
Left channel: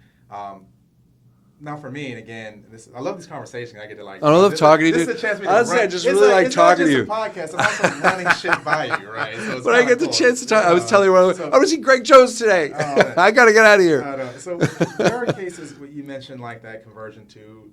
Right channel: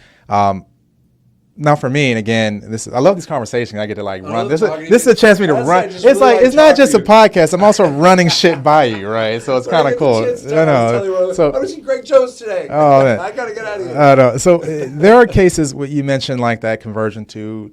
now for me, and again, I love this conversation. I get to like. This is a chance for me to run. It's not just a podcast. I'm also running shit by you, right? So it's kind of cool. I get the chance to talk, I was telling you, I want to see Greg Jones today. Oh, man. I got to get out of here. I know. So there are cases where you mentioned like that conversion to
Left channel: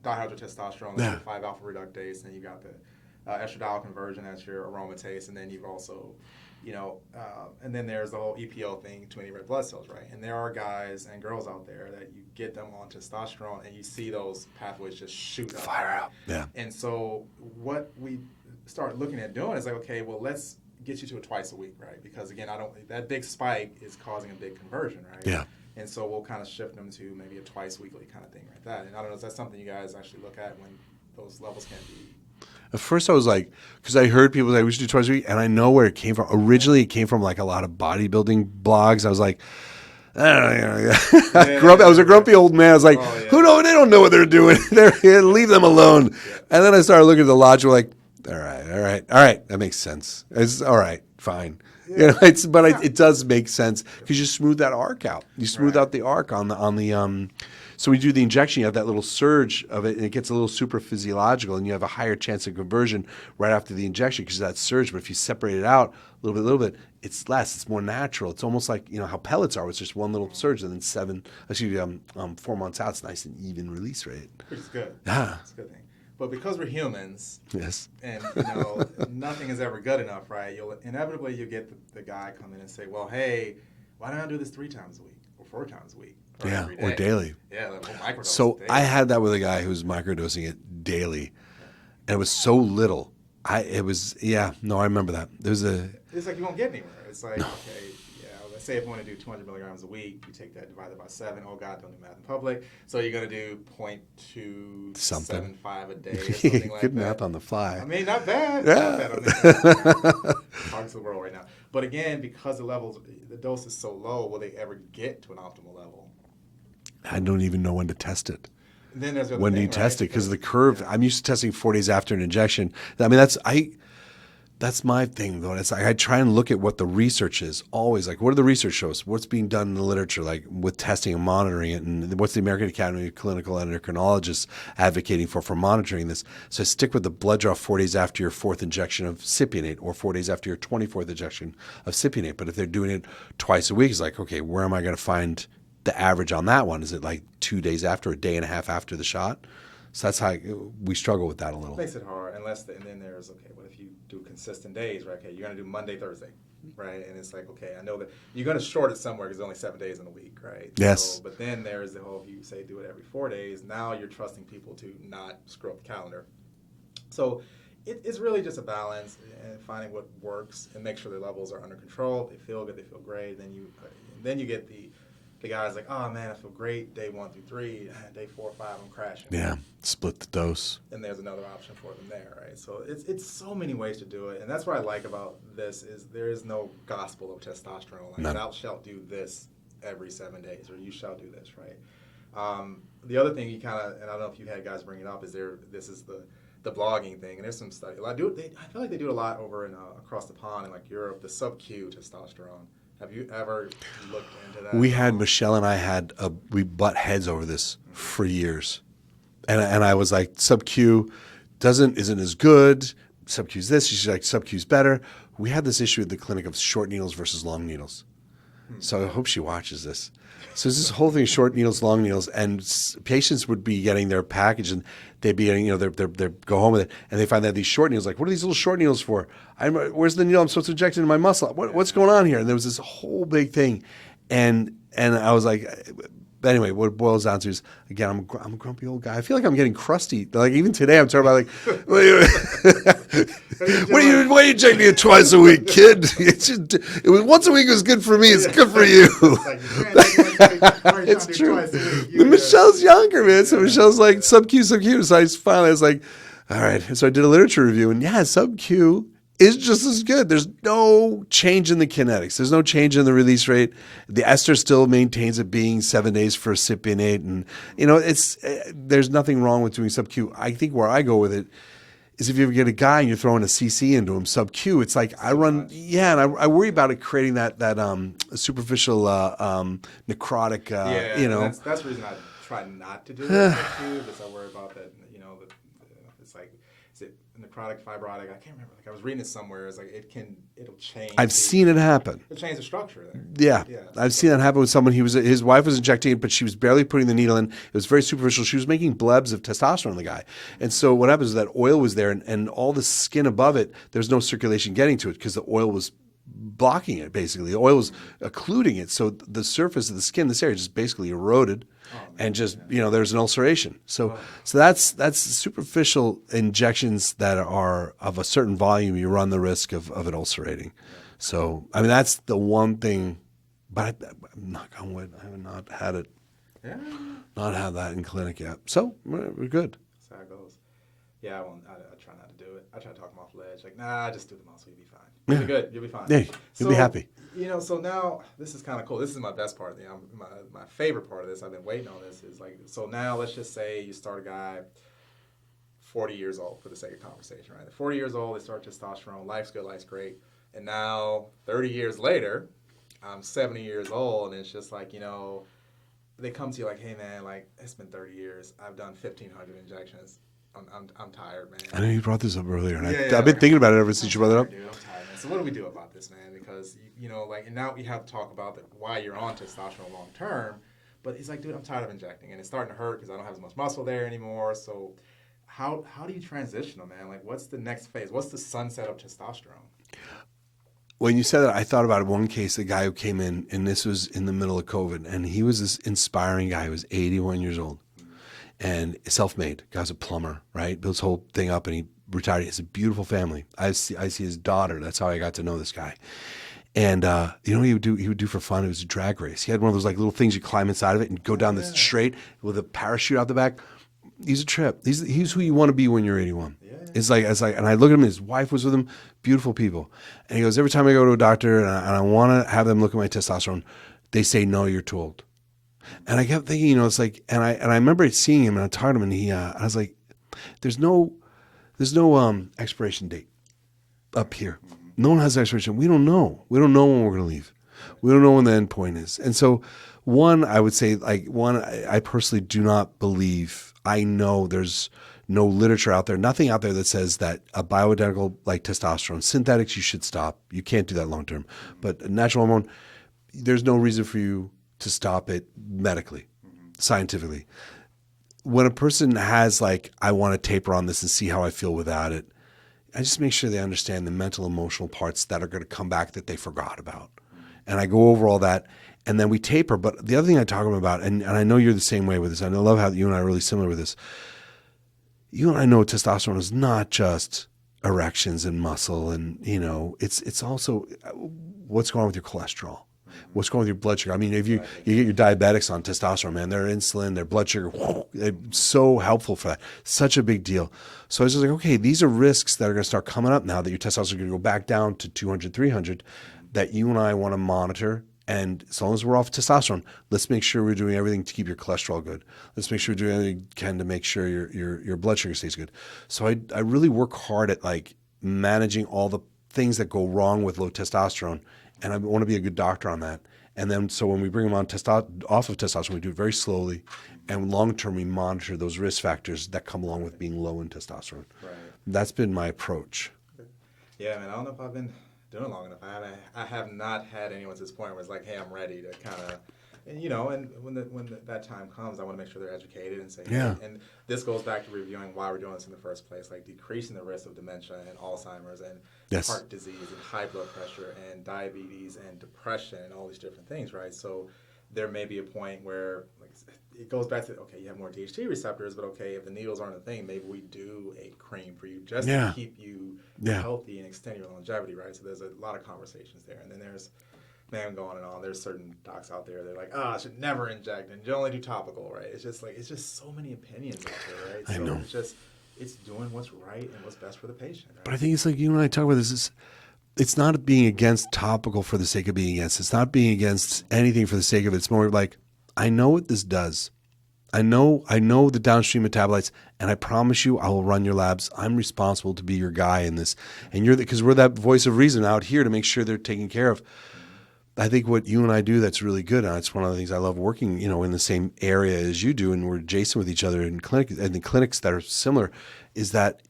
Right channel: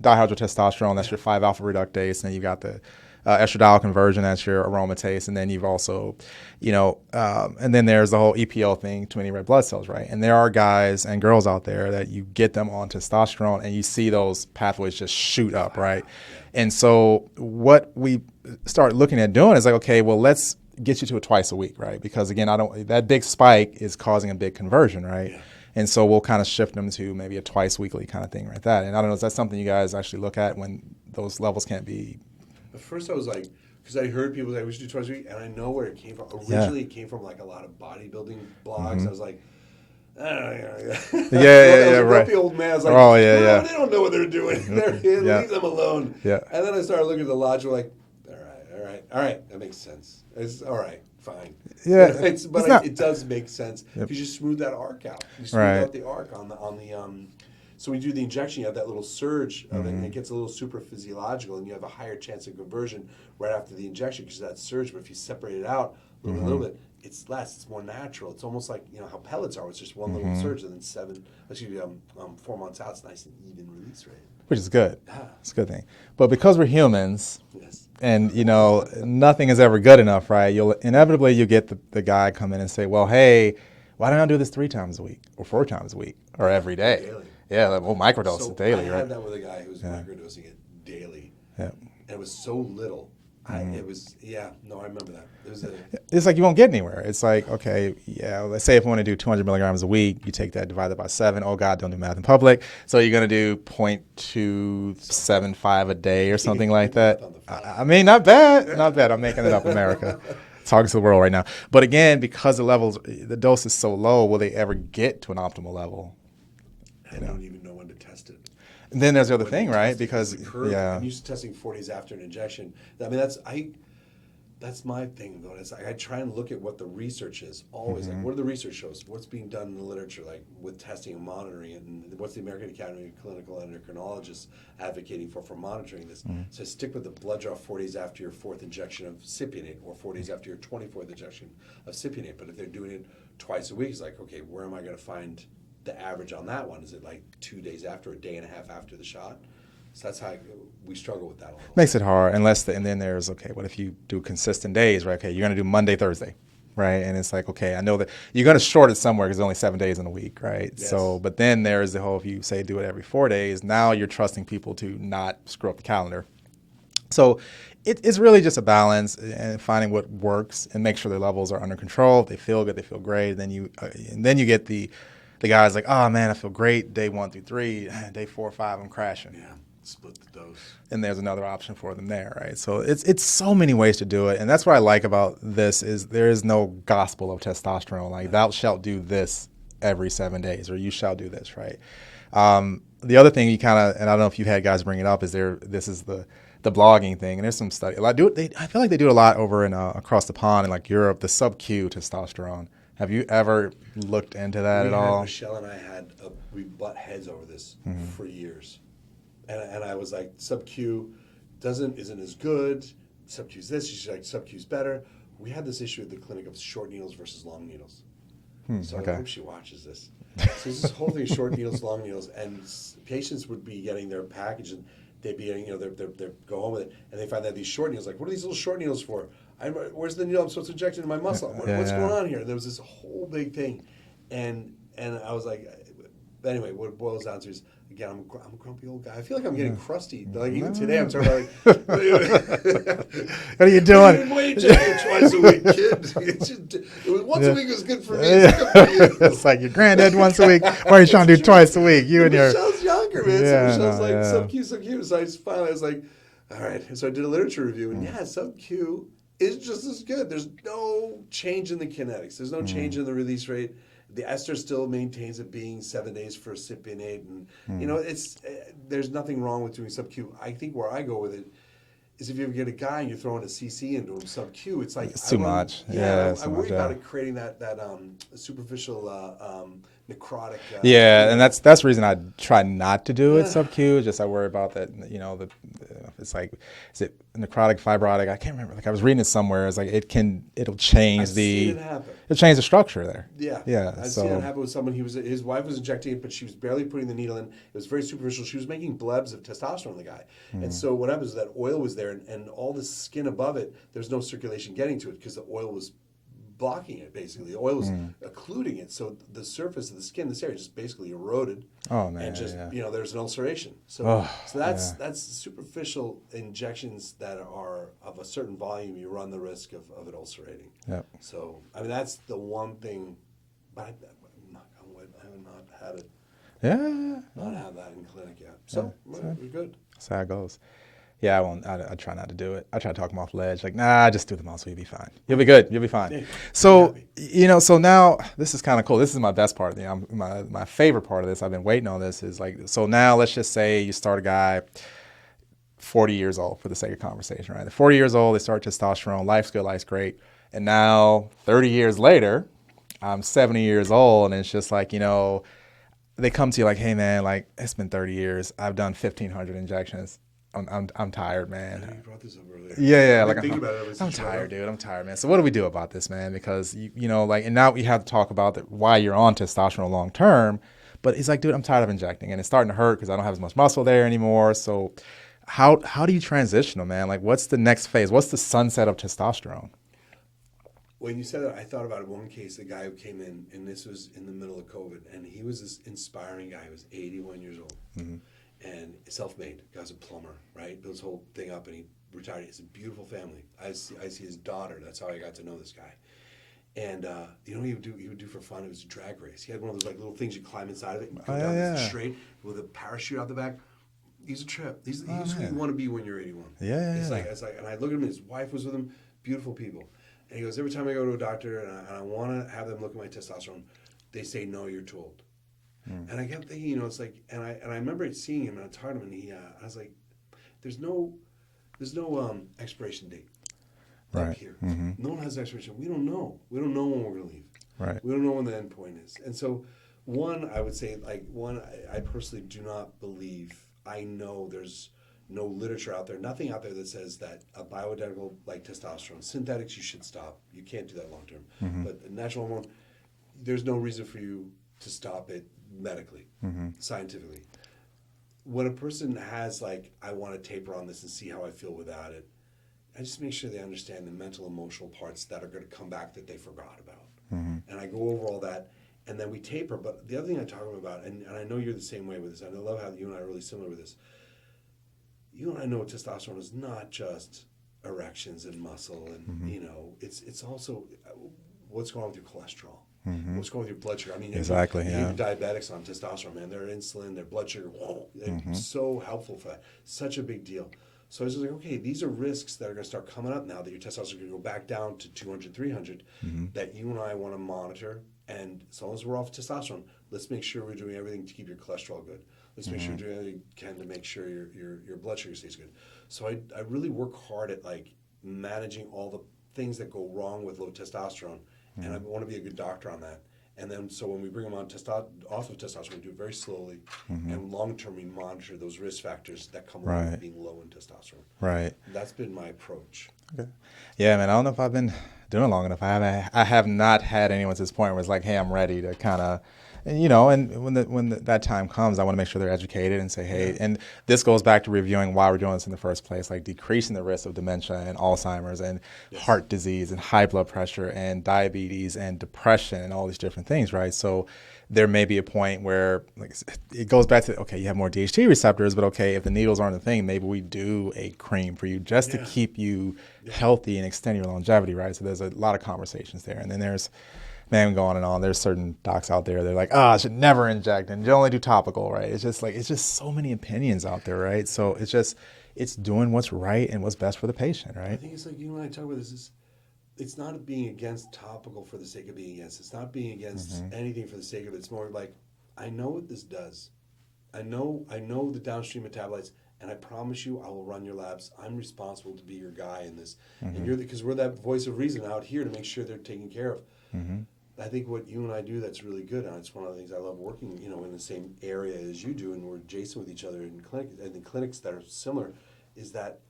dihydrotestosterone. That's your 5-alpha reductase, and then you got the estradiol conversion. That's your aromatase, and then you've also, and then there's the whole EPO thing, too many red blood cells, right? And there are guys and girls out there that you get them on testosterone, and you see those pathways just shoot up, right? Yeah. And so what we start looking at doing is like, okay, well, let's get you to a twice a week, right? Because again, that big spike is causing a big conversion, right? Yeah. And so we'll kind of shift them to maybe a twice weekly kind of thing like that. And I don't know, is that something you guys actually look at when those levels can't be? At first I was like, because I heard people say we should do twice a week, and I know where it came from. Originally it came from like a lot of bodybuilding blogs. I was like, I don't know. I was a grumpy old man. I was like, they don't know what they're doing. Leave them alone. Yeah. And then I started looking at the logic, like, all right, that makes sense. It's all right, fine. Yeah, it does make sense because you smooth that arc out. You smooth out the arc on the. So when you do the injection, you have that little surge of it, and it gets a little super physiological, and you have a higher chance of conversion right after the injection because of that surge. But if you separate it out a little bit, it's less. It's more natural. It's almost like how pellets are. It's just one little surge, and then 4 months out, it's nice and even release rate, which is good. Yeah, it's a good thing. But because we're humans, yes, and nothing is ever good enough, right? You'll inevitably get the guy come in and say, well, hey, why don't I do this 3 times a week or 4 times a week or every day? Or daily. Yeah, we'll microdose so daily. I had that with a guy who was microdosing it daily. Yeah. And it was so little. It was, yeah, no, I remember that. There was It's like you won't get anywhere. It's like, okay, yeah, let's say if we want to do 200 milligrams a week, you take that, divide it by 7. Oh, God, don't do math in public. So you're going to do 0.275 a day or something like Good that. math on the fly. I mean, not bad. Not bad. I'm making it up, America. Talking to the world right now. But again, because the dose is so low, will they ever get to an optimal level? I don't even know when to test it. And then there's the other When thing, you right? test it, because the curve, yeah. I'm used to testing 4 days after an injection. I mean, that's my thing, though. It's like I try and look at what the research is always. Like, what do the research shows? What's being done in the literature, like with testing and monitoring it, and what's the American Academy of Clinical Endocrinologists advocating for monitoring this? So I stick with the blood draw 4 days after your 4th injection of cypionate, or 4 days after your 24th injection of cypionate. But if they're doing it twice a week, it's like, okay, where am I going to find the average on that one? Is it like 2 days after, a day and a half after the shot? So that's how we struggle with that a little. Makes it hard, and then there's, okay, what if you do consistent days, right? Okay, you're going to do Monday, Thursday, right? And it's like, okay, I know that you're going to short it somewhere because there's only 7 days in a week, right? Yes. So, but then there's the whole, if you say do it every 4 days, now you're trusting people to not screw up the calendar. So it's really just a balance and finding what works and make sure their levels are under control. They feel good, they feel great. And then you get the guys like, oh man, I feel great day 1 through 3, day 4 or 5, I'm crashing. Yeah, split the dose. And there's another option for them there, right? So it's so many ways to do it, and that's what I like about this is there is no gospel of testosterone. Like, thou shalt do this every 7 days, or you shall do this, right? The other thing you kind of, and I don't know if you've had guys bring it up, is this is the blogging thing, and there's some study. I feel like they do it a lot over in across the pond in like Europe, the sub-Q testosterone. Have you ever looked into that? We at had all? Michelle and I we butt heads over this for years, and I was like, sub-Q isn't as good. Sub-Q's this. She's like, sub-Q's better. We had this issue at the clinic of short needles versus long needles. So I hope she watches this. So it's this whole thing: short needles, long needles, and patients would be getting their package, and they'd be getting, they go home with it, and they find that these short needles, like, what are these little short needles for? Where's the needle I'm supposed to inject into my muscle? What's going on here? And there was this whole big thing, and I was like, but anyway, what it boils down to is, again, I'm a grumpy old guy. I feel like I'm getting crusty. Like, even today, I'm talking about, like, what are you doing? Why are you taking it twice a week, kid? It was once a week was good for me. It's good for you. It's like your granddad once a week. Why are you trying to do twice a week? Michelle's younger, man. So Michelle's like, yeah. sub-Q. So I was like, all right. So I did a literature review, and yeah, sub-Q is just as good. There's no change in the kinetics. There's no change in the release rate. The ester still maintains it being 7 days for cypionate, and there's nothing wrong with doing sub-Q. I think where I go with it is if you ever get a guy and you're throwing a CC into him sub-Q, it's like it's too much. And I worry about it creating that superficial necrotic. And that's the reason I try not to do it sub-Q. Just I worry about that. It's like, is it necrotic, fibrotic? I can't remember. Like, I was reading it somewhere. It's like it'll change. I've seen it happen. It'll change the structure there. Yeah. I've seen that happen with someone. His wife was injecting it, but she was barely putting the needle in. It was very superficial. She was making blebs of testosterone in the guy. And so what happens is that oil was there, and all the skin above it, there's no circulation getting to it because the oil was blocking it, basically. The oil was occluding it. So the surface of the skin, this area, just basically eroded. Oh, man, and just, there's an ulceration. So that's superficial injections that are of a certain volume. You run the risk of it ulcerating. Yep. So, I mean, that's the one thing, but I'm not going with. I have not had it. Yeah. Not had that in clinic yet. So, we're good. That's how it goes. Yeah, I won't. I try not to do it. I try to talk them off the ledge. Like, nah, just do them all, so you'll be fine. You'll be good. You'll be fine. Yeah, so be happy. So now this is kind of cool. This is my best part. My favorite part of this. I've been waiting on this. Is like, so now let's just say you start a guy, 40 years old, for the sake of conversation, right? They're 40 years old. They start testosterone. Life's good. Life's great. And now 30 years later, I'm 70 years old, and it's just like, they come to you like, hey man, like, it's been 30 years. I've done 1,500 injections. I'm tired, man. I know you brought this up earlier. Yeah. I've been thinking about it ever since you brought it up. Dude, I'm tired, man. So what do we do about this, man? Because and now we have to talk about why you're on testosterone long term. But it's like, dude, I'm tired of injecting, and it's starting to hurt because I don't have as much muscle there anymore. So how do you transition them, man? Like, what's the next phase? What's the sunset of testosterone? When you said that, I thought about one case, a guy who came in, and this was in the middle of COVID, and he was this inspiring guy. He was 81 years old. Mm-hmm. And self-made. Guy's a plumber, right? Built his whole thing up, and he retired. He has a beautiful family. I see his daughter. That's how I got to know this guy. And you know what he would do for fun? It was a drag race. He had one of those like little things you climb inside of it and go down this straight with a parachute out the back. He's a trip. He's who you want to be when you're 81. It's like, and I look at him. His wife was with him. Beautiful people. And he goes, every time I go to a doctor and I want to have them look at my testosterone, they say, no, you're too old. And I kept thinking, you know, it's like, and I remember seeing him and I talked to him, and I was like, there's no expiration date up here. No one has an expiration. We don't know. We don't know when we're going to leave. Right. We don't know when the end point is. And so, I would say, I personally do not believe. I know there's no literature out there, nothing out there that says that a bioidentical like testosterone, synthetics you should stop. You can't do that long term. But a natural hormone, there's no reason for you to stop it medically, scientifically. When a person has like, I want to taper on this and see how I feel without it, I just make sure they understand the mental, emotional parts that are going to come back that they forgot about. And I go over all that, and then we taper. But the other thing I talk about, and I know you're the same way with this, I love how you and I are really similar with this. You and I know testosterone is not just erections and muscle, and you know, it's also what's going on with your cholesterol. What's going on with your blood sugar? I mean, if you get your diabetics on testosterone, man, their insulin, their blood sugar, it's so helpful for that. Such a big deal. So I was just like, okay, these are risks that are going to start coming up now that your testosterone is going to go back down to 200, 300, that you and I want to monitor. And as long as we're off testosterone, let's make sure we're doing everything to keep your cholesterol good. Let's make sure we're doing everything we can to make sure your blood sugar stays good. So I really work hard at like managing all the things that go wrong with low testosterone. And I want to be a good doctor on that. And then, so when we bring them on off of testosterone, we do it very slowly. And long-term, we monitor those risk factors that come along with being low in testosterone. Right. That's been my approach. Okay. Yeah, man, I don't know if I've been doing it long enough. I have not had anyone at this point where it's like, hey, I'm ready to kind of, and you know, and when that time comes, I want to make sure they're educated and say, hey, and this goes back to reviewing why we're doing this in the first place, like decreasing the risk of dementia and Alzheimer's and heart disease and high blood pressure and diabetes and depression and all these different things, right? So there may be a point where like it goes back to, okay, you have more DHT receptors, but okay, if the needles aren't a thing, maybe we do a cream for you just to keep you healthy and extend your longevity, right? So there's a lot of conversations there. And then there's, man, go on and on. There's certain docs out there, they're like, I should never inject and you only do topical, right? It's just so many opinions out there, right? So it's doing what's right and what's best for the patient, right? But I think it's like you and I talk about this, it's not being against topical for the sake of being against. It's not being against anything for the sake of it. It's more like, I know what this does. I know the downstream metabolites, and I promise you I will run your labs. I'm responsible to be your guy in this. And because we're that voice of reason out here to make sure they're taken care of. I think what you and I do that's really good, and it's one of the things I love working, you know, in the same area as you do, and we're adjacent with each other in clinic and the clinics that are similar, is that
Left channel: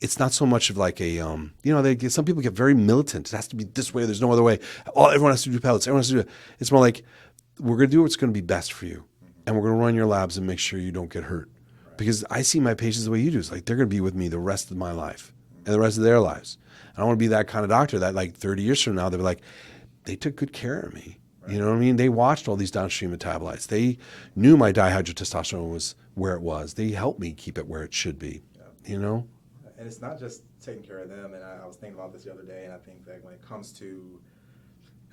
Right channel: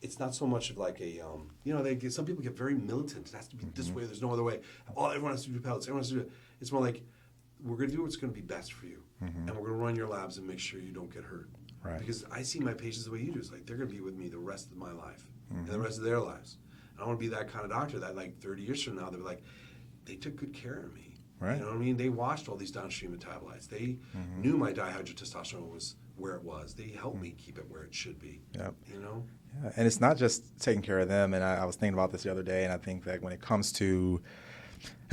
it's not so much of like a, you know, some people get very militant. It has to be this way. There's no other way. Oh, everyone has to do pellets. Everyone has to do it. It's more like, we're going to do what's going to be best for you. And we're going to run your labs and make sure you don't get hurt. Right. Because I see my patients the way you do. It's like, they're going to be with me the rest of my life and the rest of their lives. I don't want to be that kind of doctor that like 30 years from now, they're like, they took good care of me. Right. You know what I mean? They watched all these downstream metabolites. They knew my dihydrotestosterone was where it was. They helped me keep it where it should be, you know? And it's not just taking care of them. And I was thinking about this the other day, and I think that when it comes to,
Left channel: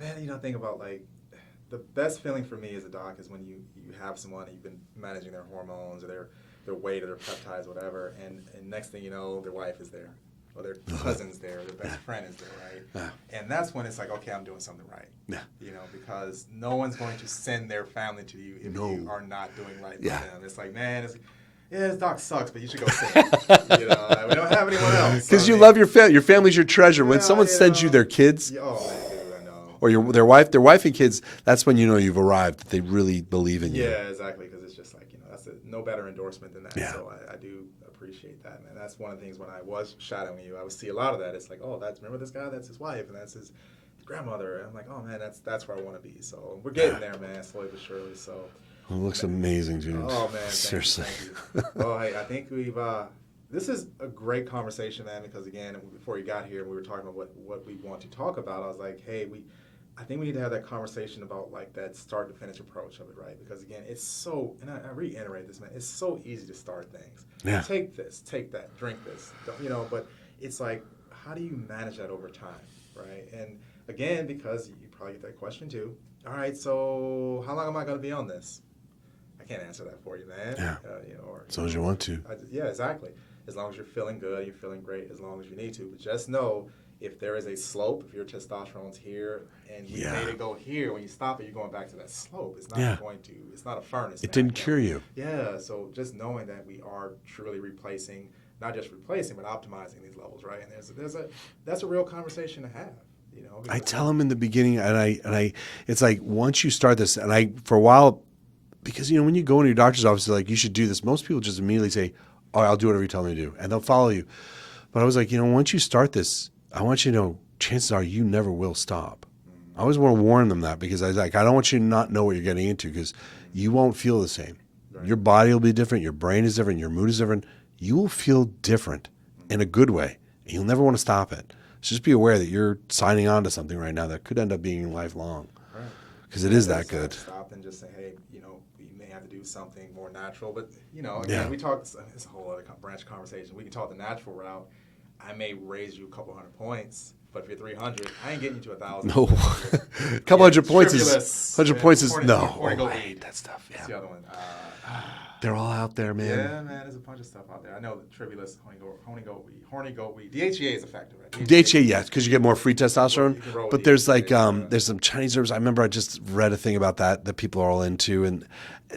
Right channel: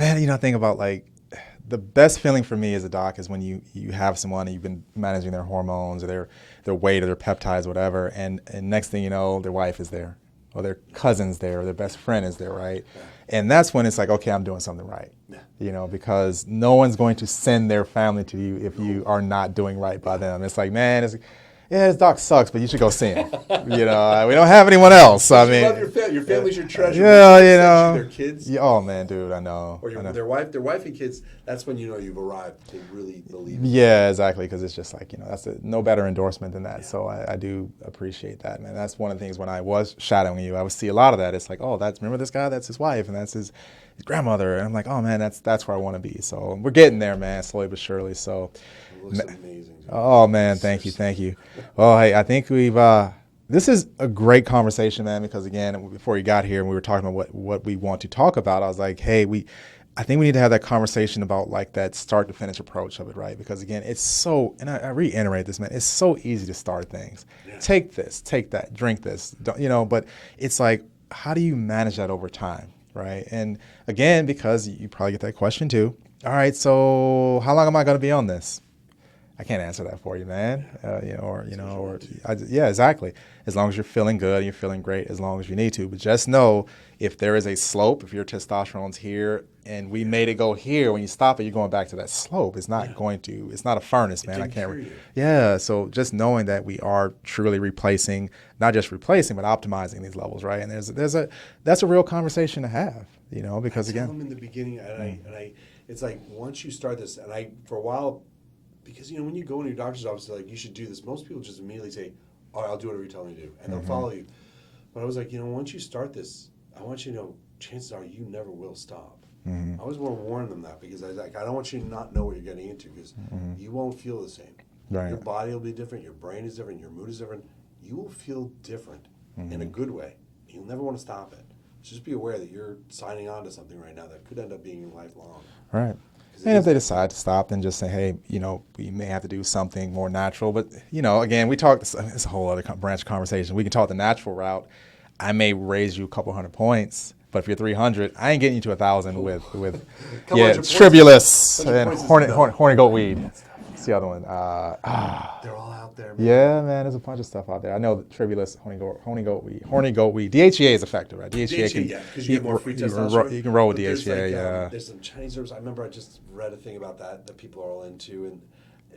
man, you know, I think about like the best feeling for me as a doc is when you have someone and you've been managing their hormones or their weight or their peptides, whatever, and next thing you know, their wife is there or their cousin's there or their best friend is there, right? And that's when it's like, okay, I'm doing something right, you know, because no one's going to send their family to you if you are not doing right by them. It's like, man, this doc sucks, but you should go see him. You know, we don't have anyone else. Because you love your family. Your family's your treasure. When someone sends you their kids. Oh, man, dude, I know. Or their wife and kids, that's when you know you've arrived, that they really believe in you. Yeah, exactly, because it's just like, you know, that's no better endorsement than that. Yeah. So I do appreciate that, man. That's one of the things when I was shadowing you, I would see a lot of that. It's like, oh, remember this guy? That's his wife, and that's his grandmother. And I'm like, oh, man, that's where I want to be. So we're getting there, man, slowly but surely. So. It looks amazing, James. Oh, man, thank you. Well, hey, I think we've, this is a great conversation, man, because again, before you got here and we were talking about what we want to talk about, I was like, hey, I think we need to have that conversation about like that start to finish approach of it, right? Because again, it's so, and I reiterate this, man, it's so easy to start things. Yeah. Take this, take that, drink this, but it's like, how do you manage that over time, right? And again, because you probably get that question too. All right, so how long am I going to be on this? I can't answer that for you, man. Yeah. As long as you want to. Yeah, exactly. As long as you're feeling good, you're feeling great, as long as you need to. But just know, if there is a slope, if your testosterone's here and we made it go here, when you stop it, you're going back to that slope. It's not going to, it's not a furnace, man. It didn't cure you. Yeah, so just knowing that we are truly replacing, not just replacing, but optimizing these levels, right? And that's a real conversation to have, because I tell them in the beginning, and I, it's like, once you start this, for a while, because, when you go into your doctor's office, like, you should do this, most people just immediately say, oh, I'll do whatever you tell me to do, and they'll follow you. But I was like, once you start this, I want you to know, chances are you never will stop. I always want to warn them that, because I was like, I don't want you to not know what you're getting into, because you won't feel the same. Right. Your body will be different, your brain is different, your mood is different. You will feel different in a good way, and you'll never want to stop it. So just be aware that you're signing on to something right now that could end up being lifelong. Right. Because it is they that decide good. to stop, then just say, hey, we may have to do something more natural. But, again, we talk, it's a whole other branch of conversation. We can talk the natural route. I may raise you a couple hundred points, but if you're 300, I ain't getting you to 1,000 with a couple hundred points. Tribulus. 100 points is horny goat weed. That stuff. That's the other one. They're all out there, man. Yeah, man, there's a bunch of stuff out there. I know Tribulus, horny goat weed. DHEA is effective, right? DHEA, yes, because you get more free testosterone. You can roll with but DHEA, there's there's some Chinese herbs. I remember I just read a thing about that people are all into, and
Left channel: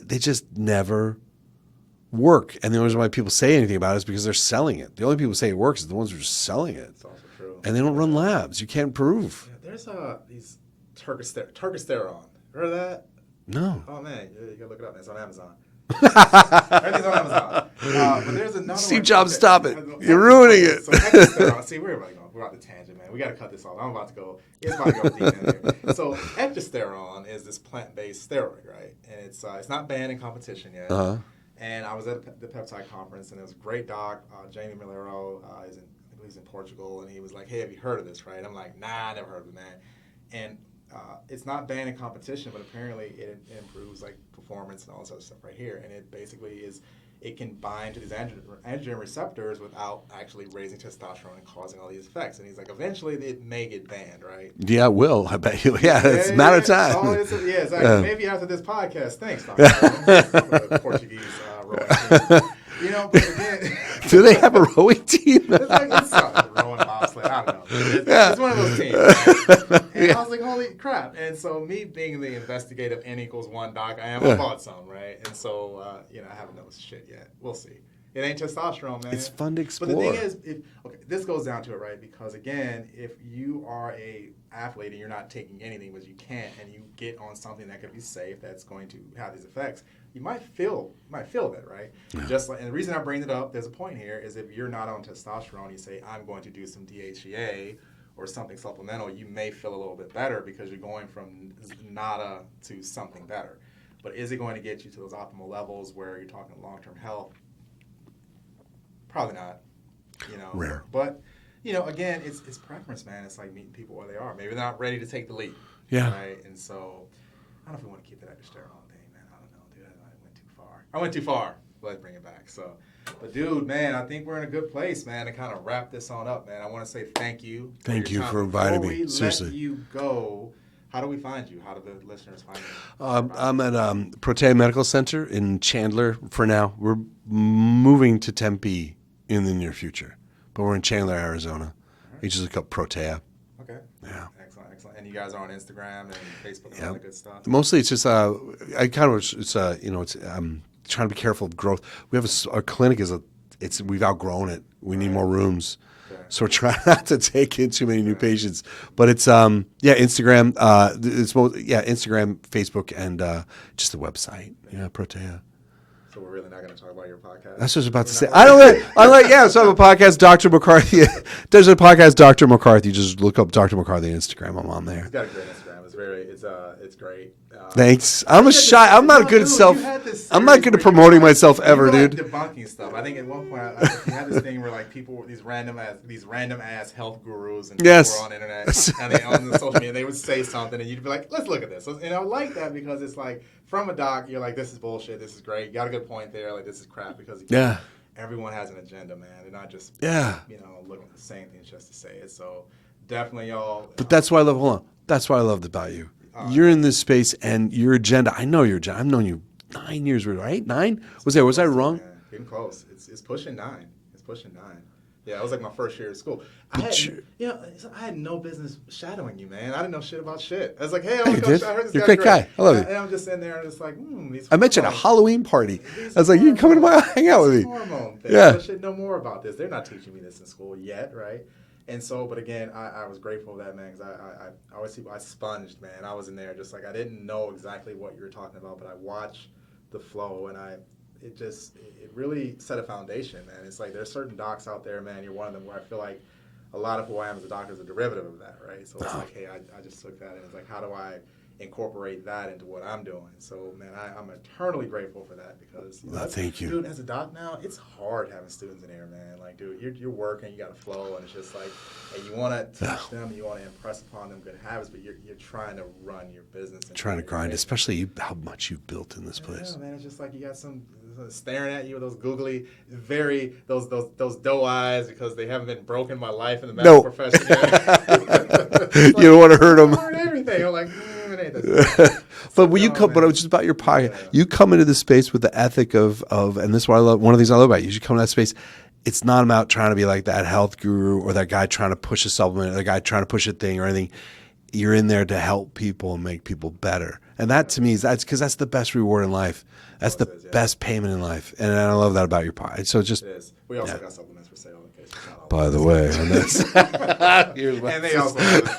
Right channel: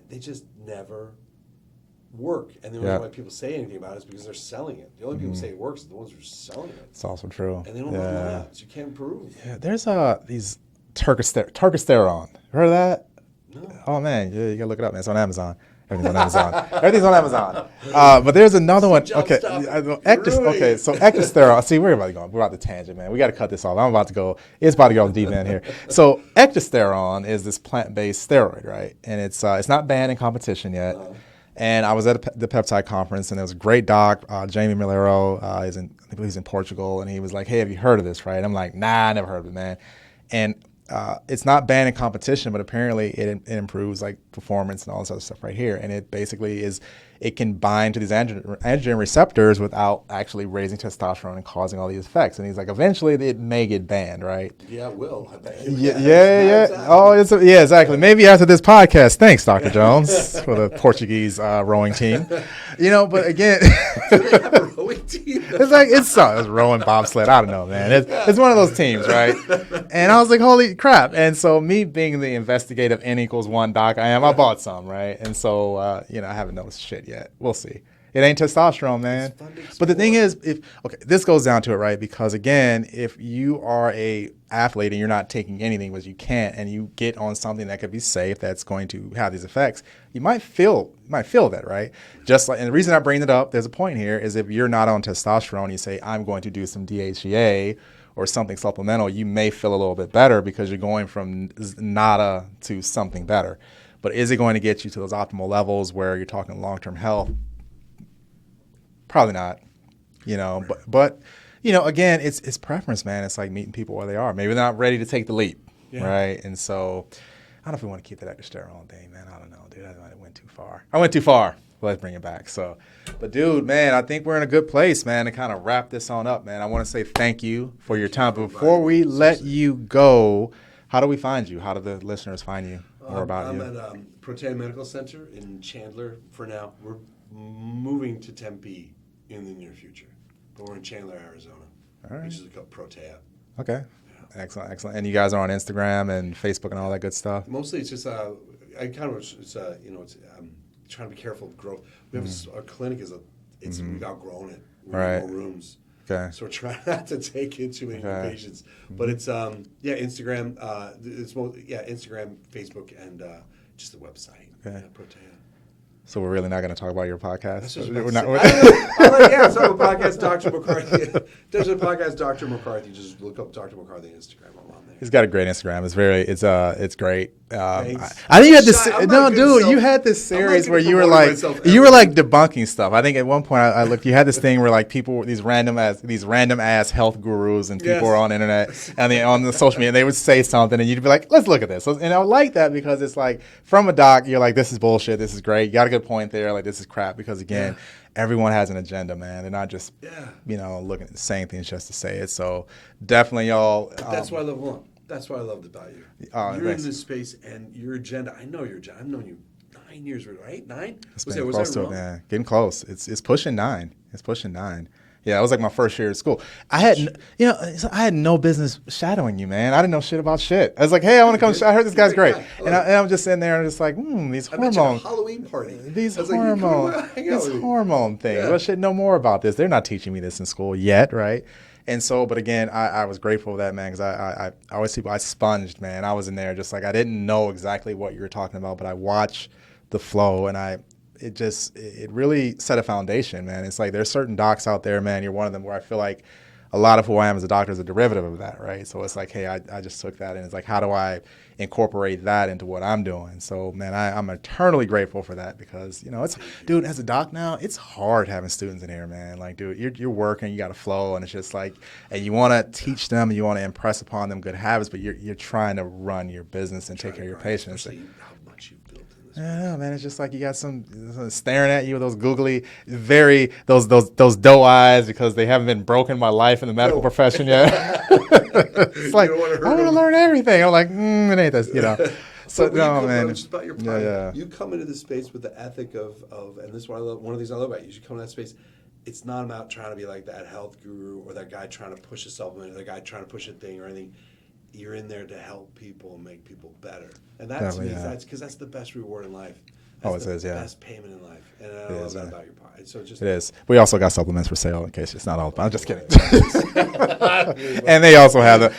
they just never work. And the only reason why people say anything about it is because they're selling it. The only people who say it works is the ones who are selling it. It's also true. And they don't run labs. You can't prove. Yeah, there's these Testosterone. Heard of that? No. Oh, man, you gotta look it up, man. It's on Amazon. Everything's on Amazon. But there's another one. Steve Jobs, stop it. You're ruining it. So Testosterone. See, we're about to go. We're about to tangent, man. We got to cut this off. I'm about to go. It's about to go deep in here. So Testosterone is this plant-based steroid, right? And it's not banned in competition yet. And I was at the peptide conference, and there was a great doc, Jamie Milero. I believe he's in Portugal, and he was like, "Hey, have you heard of this?" Right? And I'm like, "Nah, I never heard of it, man." And it's not banned in competition, but apparently it improves like performance and all this other stuff right here. And it basically it can bind to these androgen receptors without actually raising testosterone and causing all these effects. And he's like, eventually it may get banned, right? Yeah, it will. I bet you. Yeah, it's a matter of time. Oh, exactly. Maybe after this podcast. Thanks, Dr. Jones, for the Portuguese rowing team. But again, do they have a rowing team? it's rowing bobsled. I don't know, man. It's one of those teams, right? And I was like, holy crap! And so me being the investigative N=1 doc, I bought some, right? And so I haven't noticed shit yet. We'll see. It ain't testosterone, man. It's fun to explore. But the thing is, this goes down to it, right? Because again, if you are a athlete and you're not taking anything, but you can't, and you get on something that could be safe, that's going to have these effects, you might feel that, right? Yeah. And the reason I bring it up, there's a point here, is if you're not on testosterone, you say, I'm going to do some DHEA or something supplemental, you may feel a little bit better because you're going from nada to something better. But is it going to get you to those optimal levels where you're talking long-term health? Probably not, but again, it's preference, man. It's like meeting people where they are. Maybe they're not ready to take the leap, right? And so I don't know if we want to keep that testosterone thing, man. I don't know, dude. I went too far. Let's bring it back. So, but dude, man, I think we're in a good place, man, to kind of wrap this on up, man. I want to say thank you for your time. Before we let you go, how do we find you? How do the listeners find you? I'm at Protea Medical Center in Chandler for now. We're moving to Tempe in the near future, but we're in Chandler, Arizona. All right. You just look up Protea. Okay. Yeah. Excellent. And you guys are on Instagram and Facebook and all that good stuff. Mostly, it's just I'm trying to be careful of growth. We have our clinic we've outgrown it. We need more rooms. Okay. So we're trying not to take in too many new patients, but it's Instagram. It's both Instagram, Facebook, and just the website. Yeah, Protea. So we're really not going to talk about your podcast? That's what I was about to say. I don't know. So a podcast, Dr. McCarthy. There's a podcast, Dr. McCarthy. Just look up Dr. McCarthy on Instagram. I'm on there. He's got a great Instagram. It's great. Thanks. I'm not good dude, self. you had this I'm not good at promoting myself ever. You were like dude. debunking stuff. I think at one point I looked. You had this thing where like people, these random ass health gurus and people were on the internet and they on the social media. And they would say something and you'd be like, let's look at this. And I like that because it's like from a doc, you're like, this is bullshit. This is great. You got a good point there. Like this is crap because again, everyone has an agenda, man. They're not just looking at the same things just to say it. So definitely, y'all. But that's why I love. Hold on. That's what I loved about you. You're in this space, and your agenda. I know your agenda. I've known you 9 years, right? 9? Was I wrong? Getting close. It's pushing 9. It's pushing 9. Yeah, it was like my first year at school. I had no business shadowing you, man. I didn't know shit about shit. I was like, hey, I want to come. I heard this guy's great. Guy. And I'm just sitting there and just like, these hormones. I mentioned a Halloween party. I was like, you come to hang out with me. Hormone thing. I should know more about this. They're not teaching me this in school yet, right? And so, but again, I was grateful for that, man, because I always I sponged, man. I was in there just like I didn't know exactly what you were talking about, but I watched the flow, and it really set a foundation, man. It's like there's certain docs out there, man. You're one of them where I feel like a lot of who I am as a doctor is a derivative of that, right? So it's like, hey, I just took that, and it's like, how do I incorporate that into what I'm doing? So, man, I'm eternally grateful for that because, thank you. Dude, as a doc now, it's hard having students in here, man. Like, dude, you're working, you got to flow, and it's just like, and you want to teach them, you want to impress upon them good habits, but you're trying to run your business and trying to grind, especially how much you've built in this place. Yeah, man, it's just like you got some staring at you with those googly, those doe eyes because they haven't been broken by life in the medical profession yet. Like, you don't want to hurt them. I learn everything. I'm like, it ain't that. But when you come, but it's just about your pocket. You come into the space with the ethic of, and this is what I love. One of the things I love about you. You come to that space. It's not about trying to be like that health guru or that guy trying to push a supplement or the guy trying to push a thing or anything. You're in there to help people and make people better. And that to me is that's the best reward in life. That's the best payment in life, and I love that about your pie. So it is. We also got supplements for sale in case it's not all. By the way, and they also have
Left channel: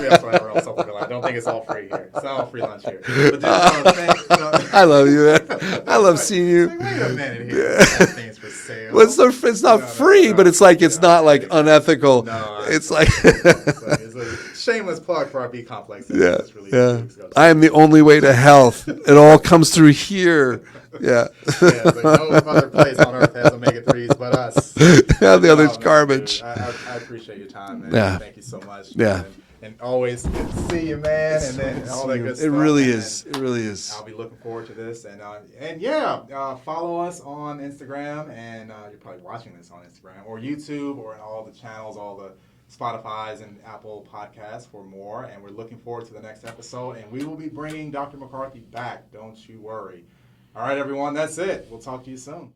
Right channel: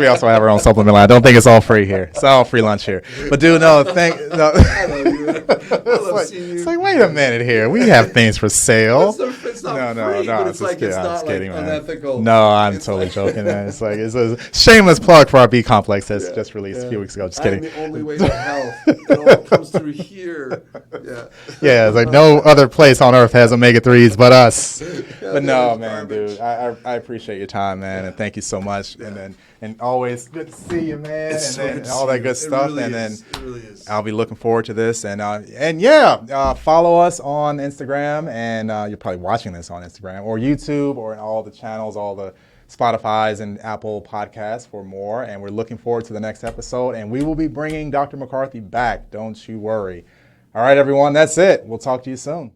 we also have our own supplement line. I don't think it's all free here. It's all free lunch here. But dude, I love you, man. I love seeing you. It's like, wait a minute here. We have things for sale. Well, it's not free, but it's like it's not like unethical. No, I'm totally joking, man. It's a shameless plug for our B complex that's just released a few weeks ago. I am the only way to health. It all comes through here. Yeah. It's like no other place on earth has omega-3s but us. The other's garbage. I appreciate your time, man. Yeah. Thank you so much. Yeah. And always good to see you, man. And all that good stuff. It really is. It really is. I'll be looking forward to this. And follow us on Instagram. And you're probably watching this on Instagram or YouTube or all the channels, all the Spotify's and Apple Podcasts for more. And we're looking forward to the next episode. And we will be bringing Dr. McCarthy back. Don't you worry. All right, everyone, that's it. We'll talk to you soon.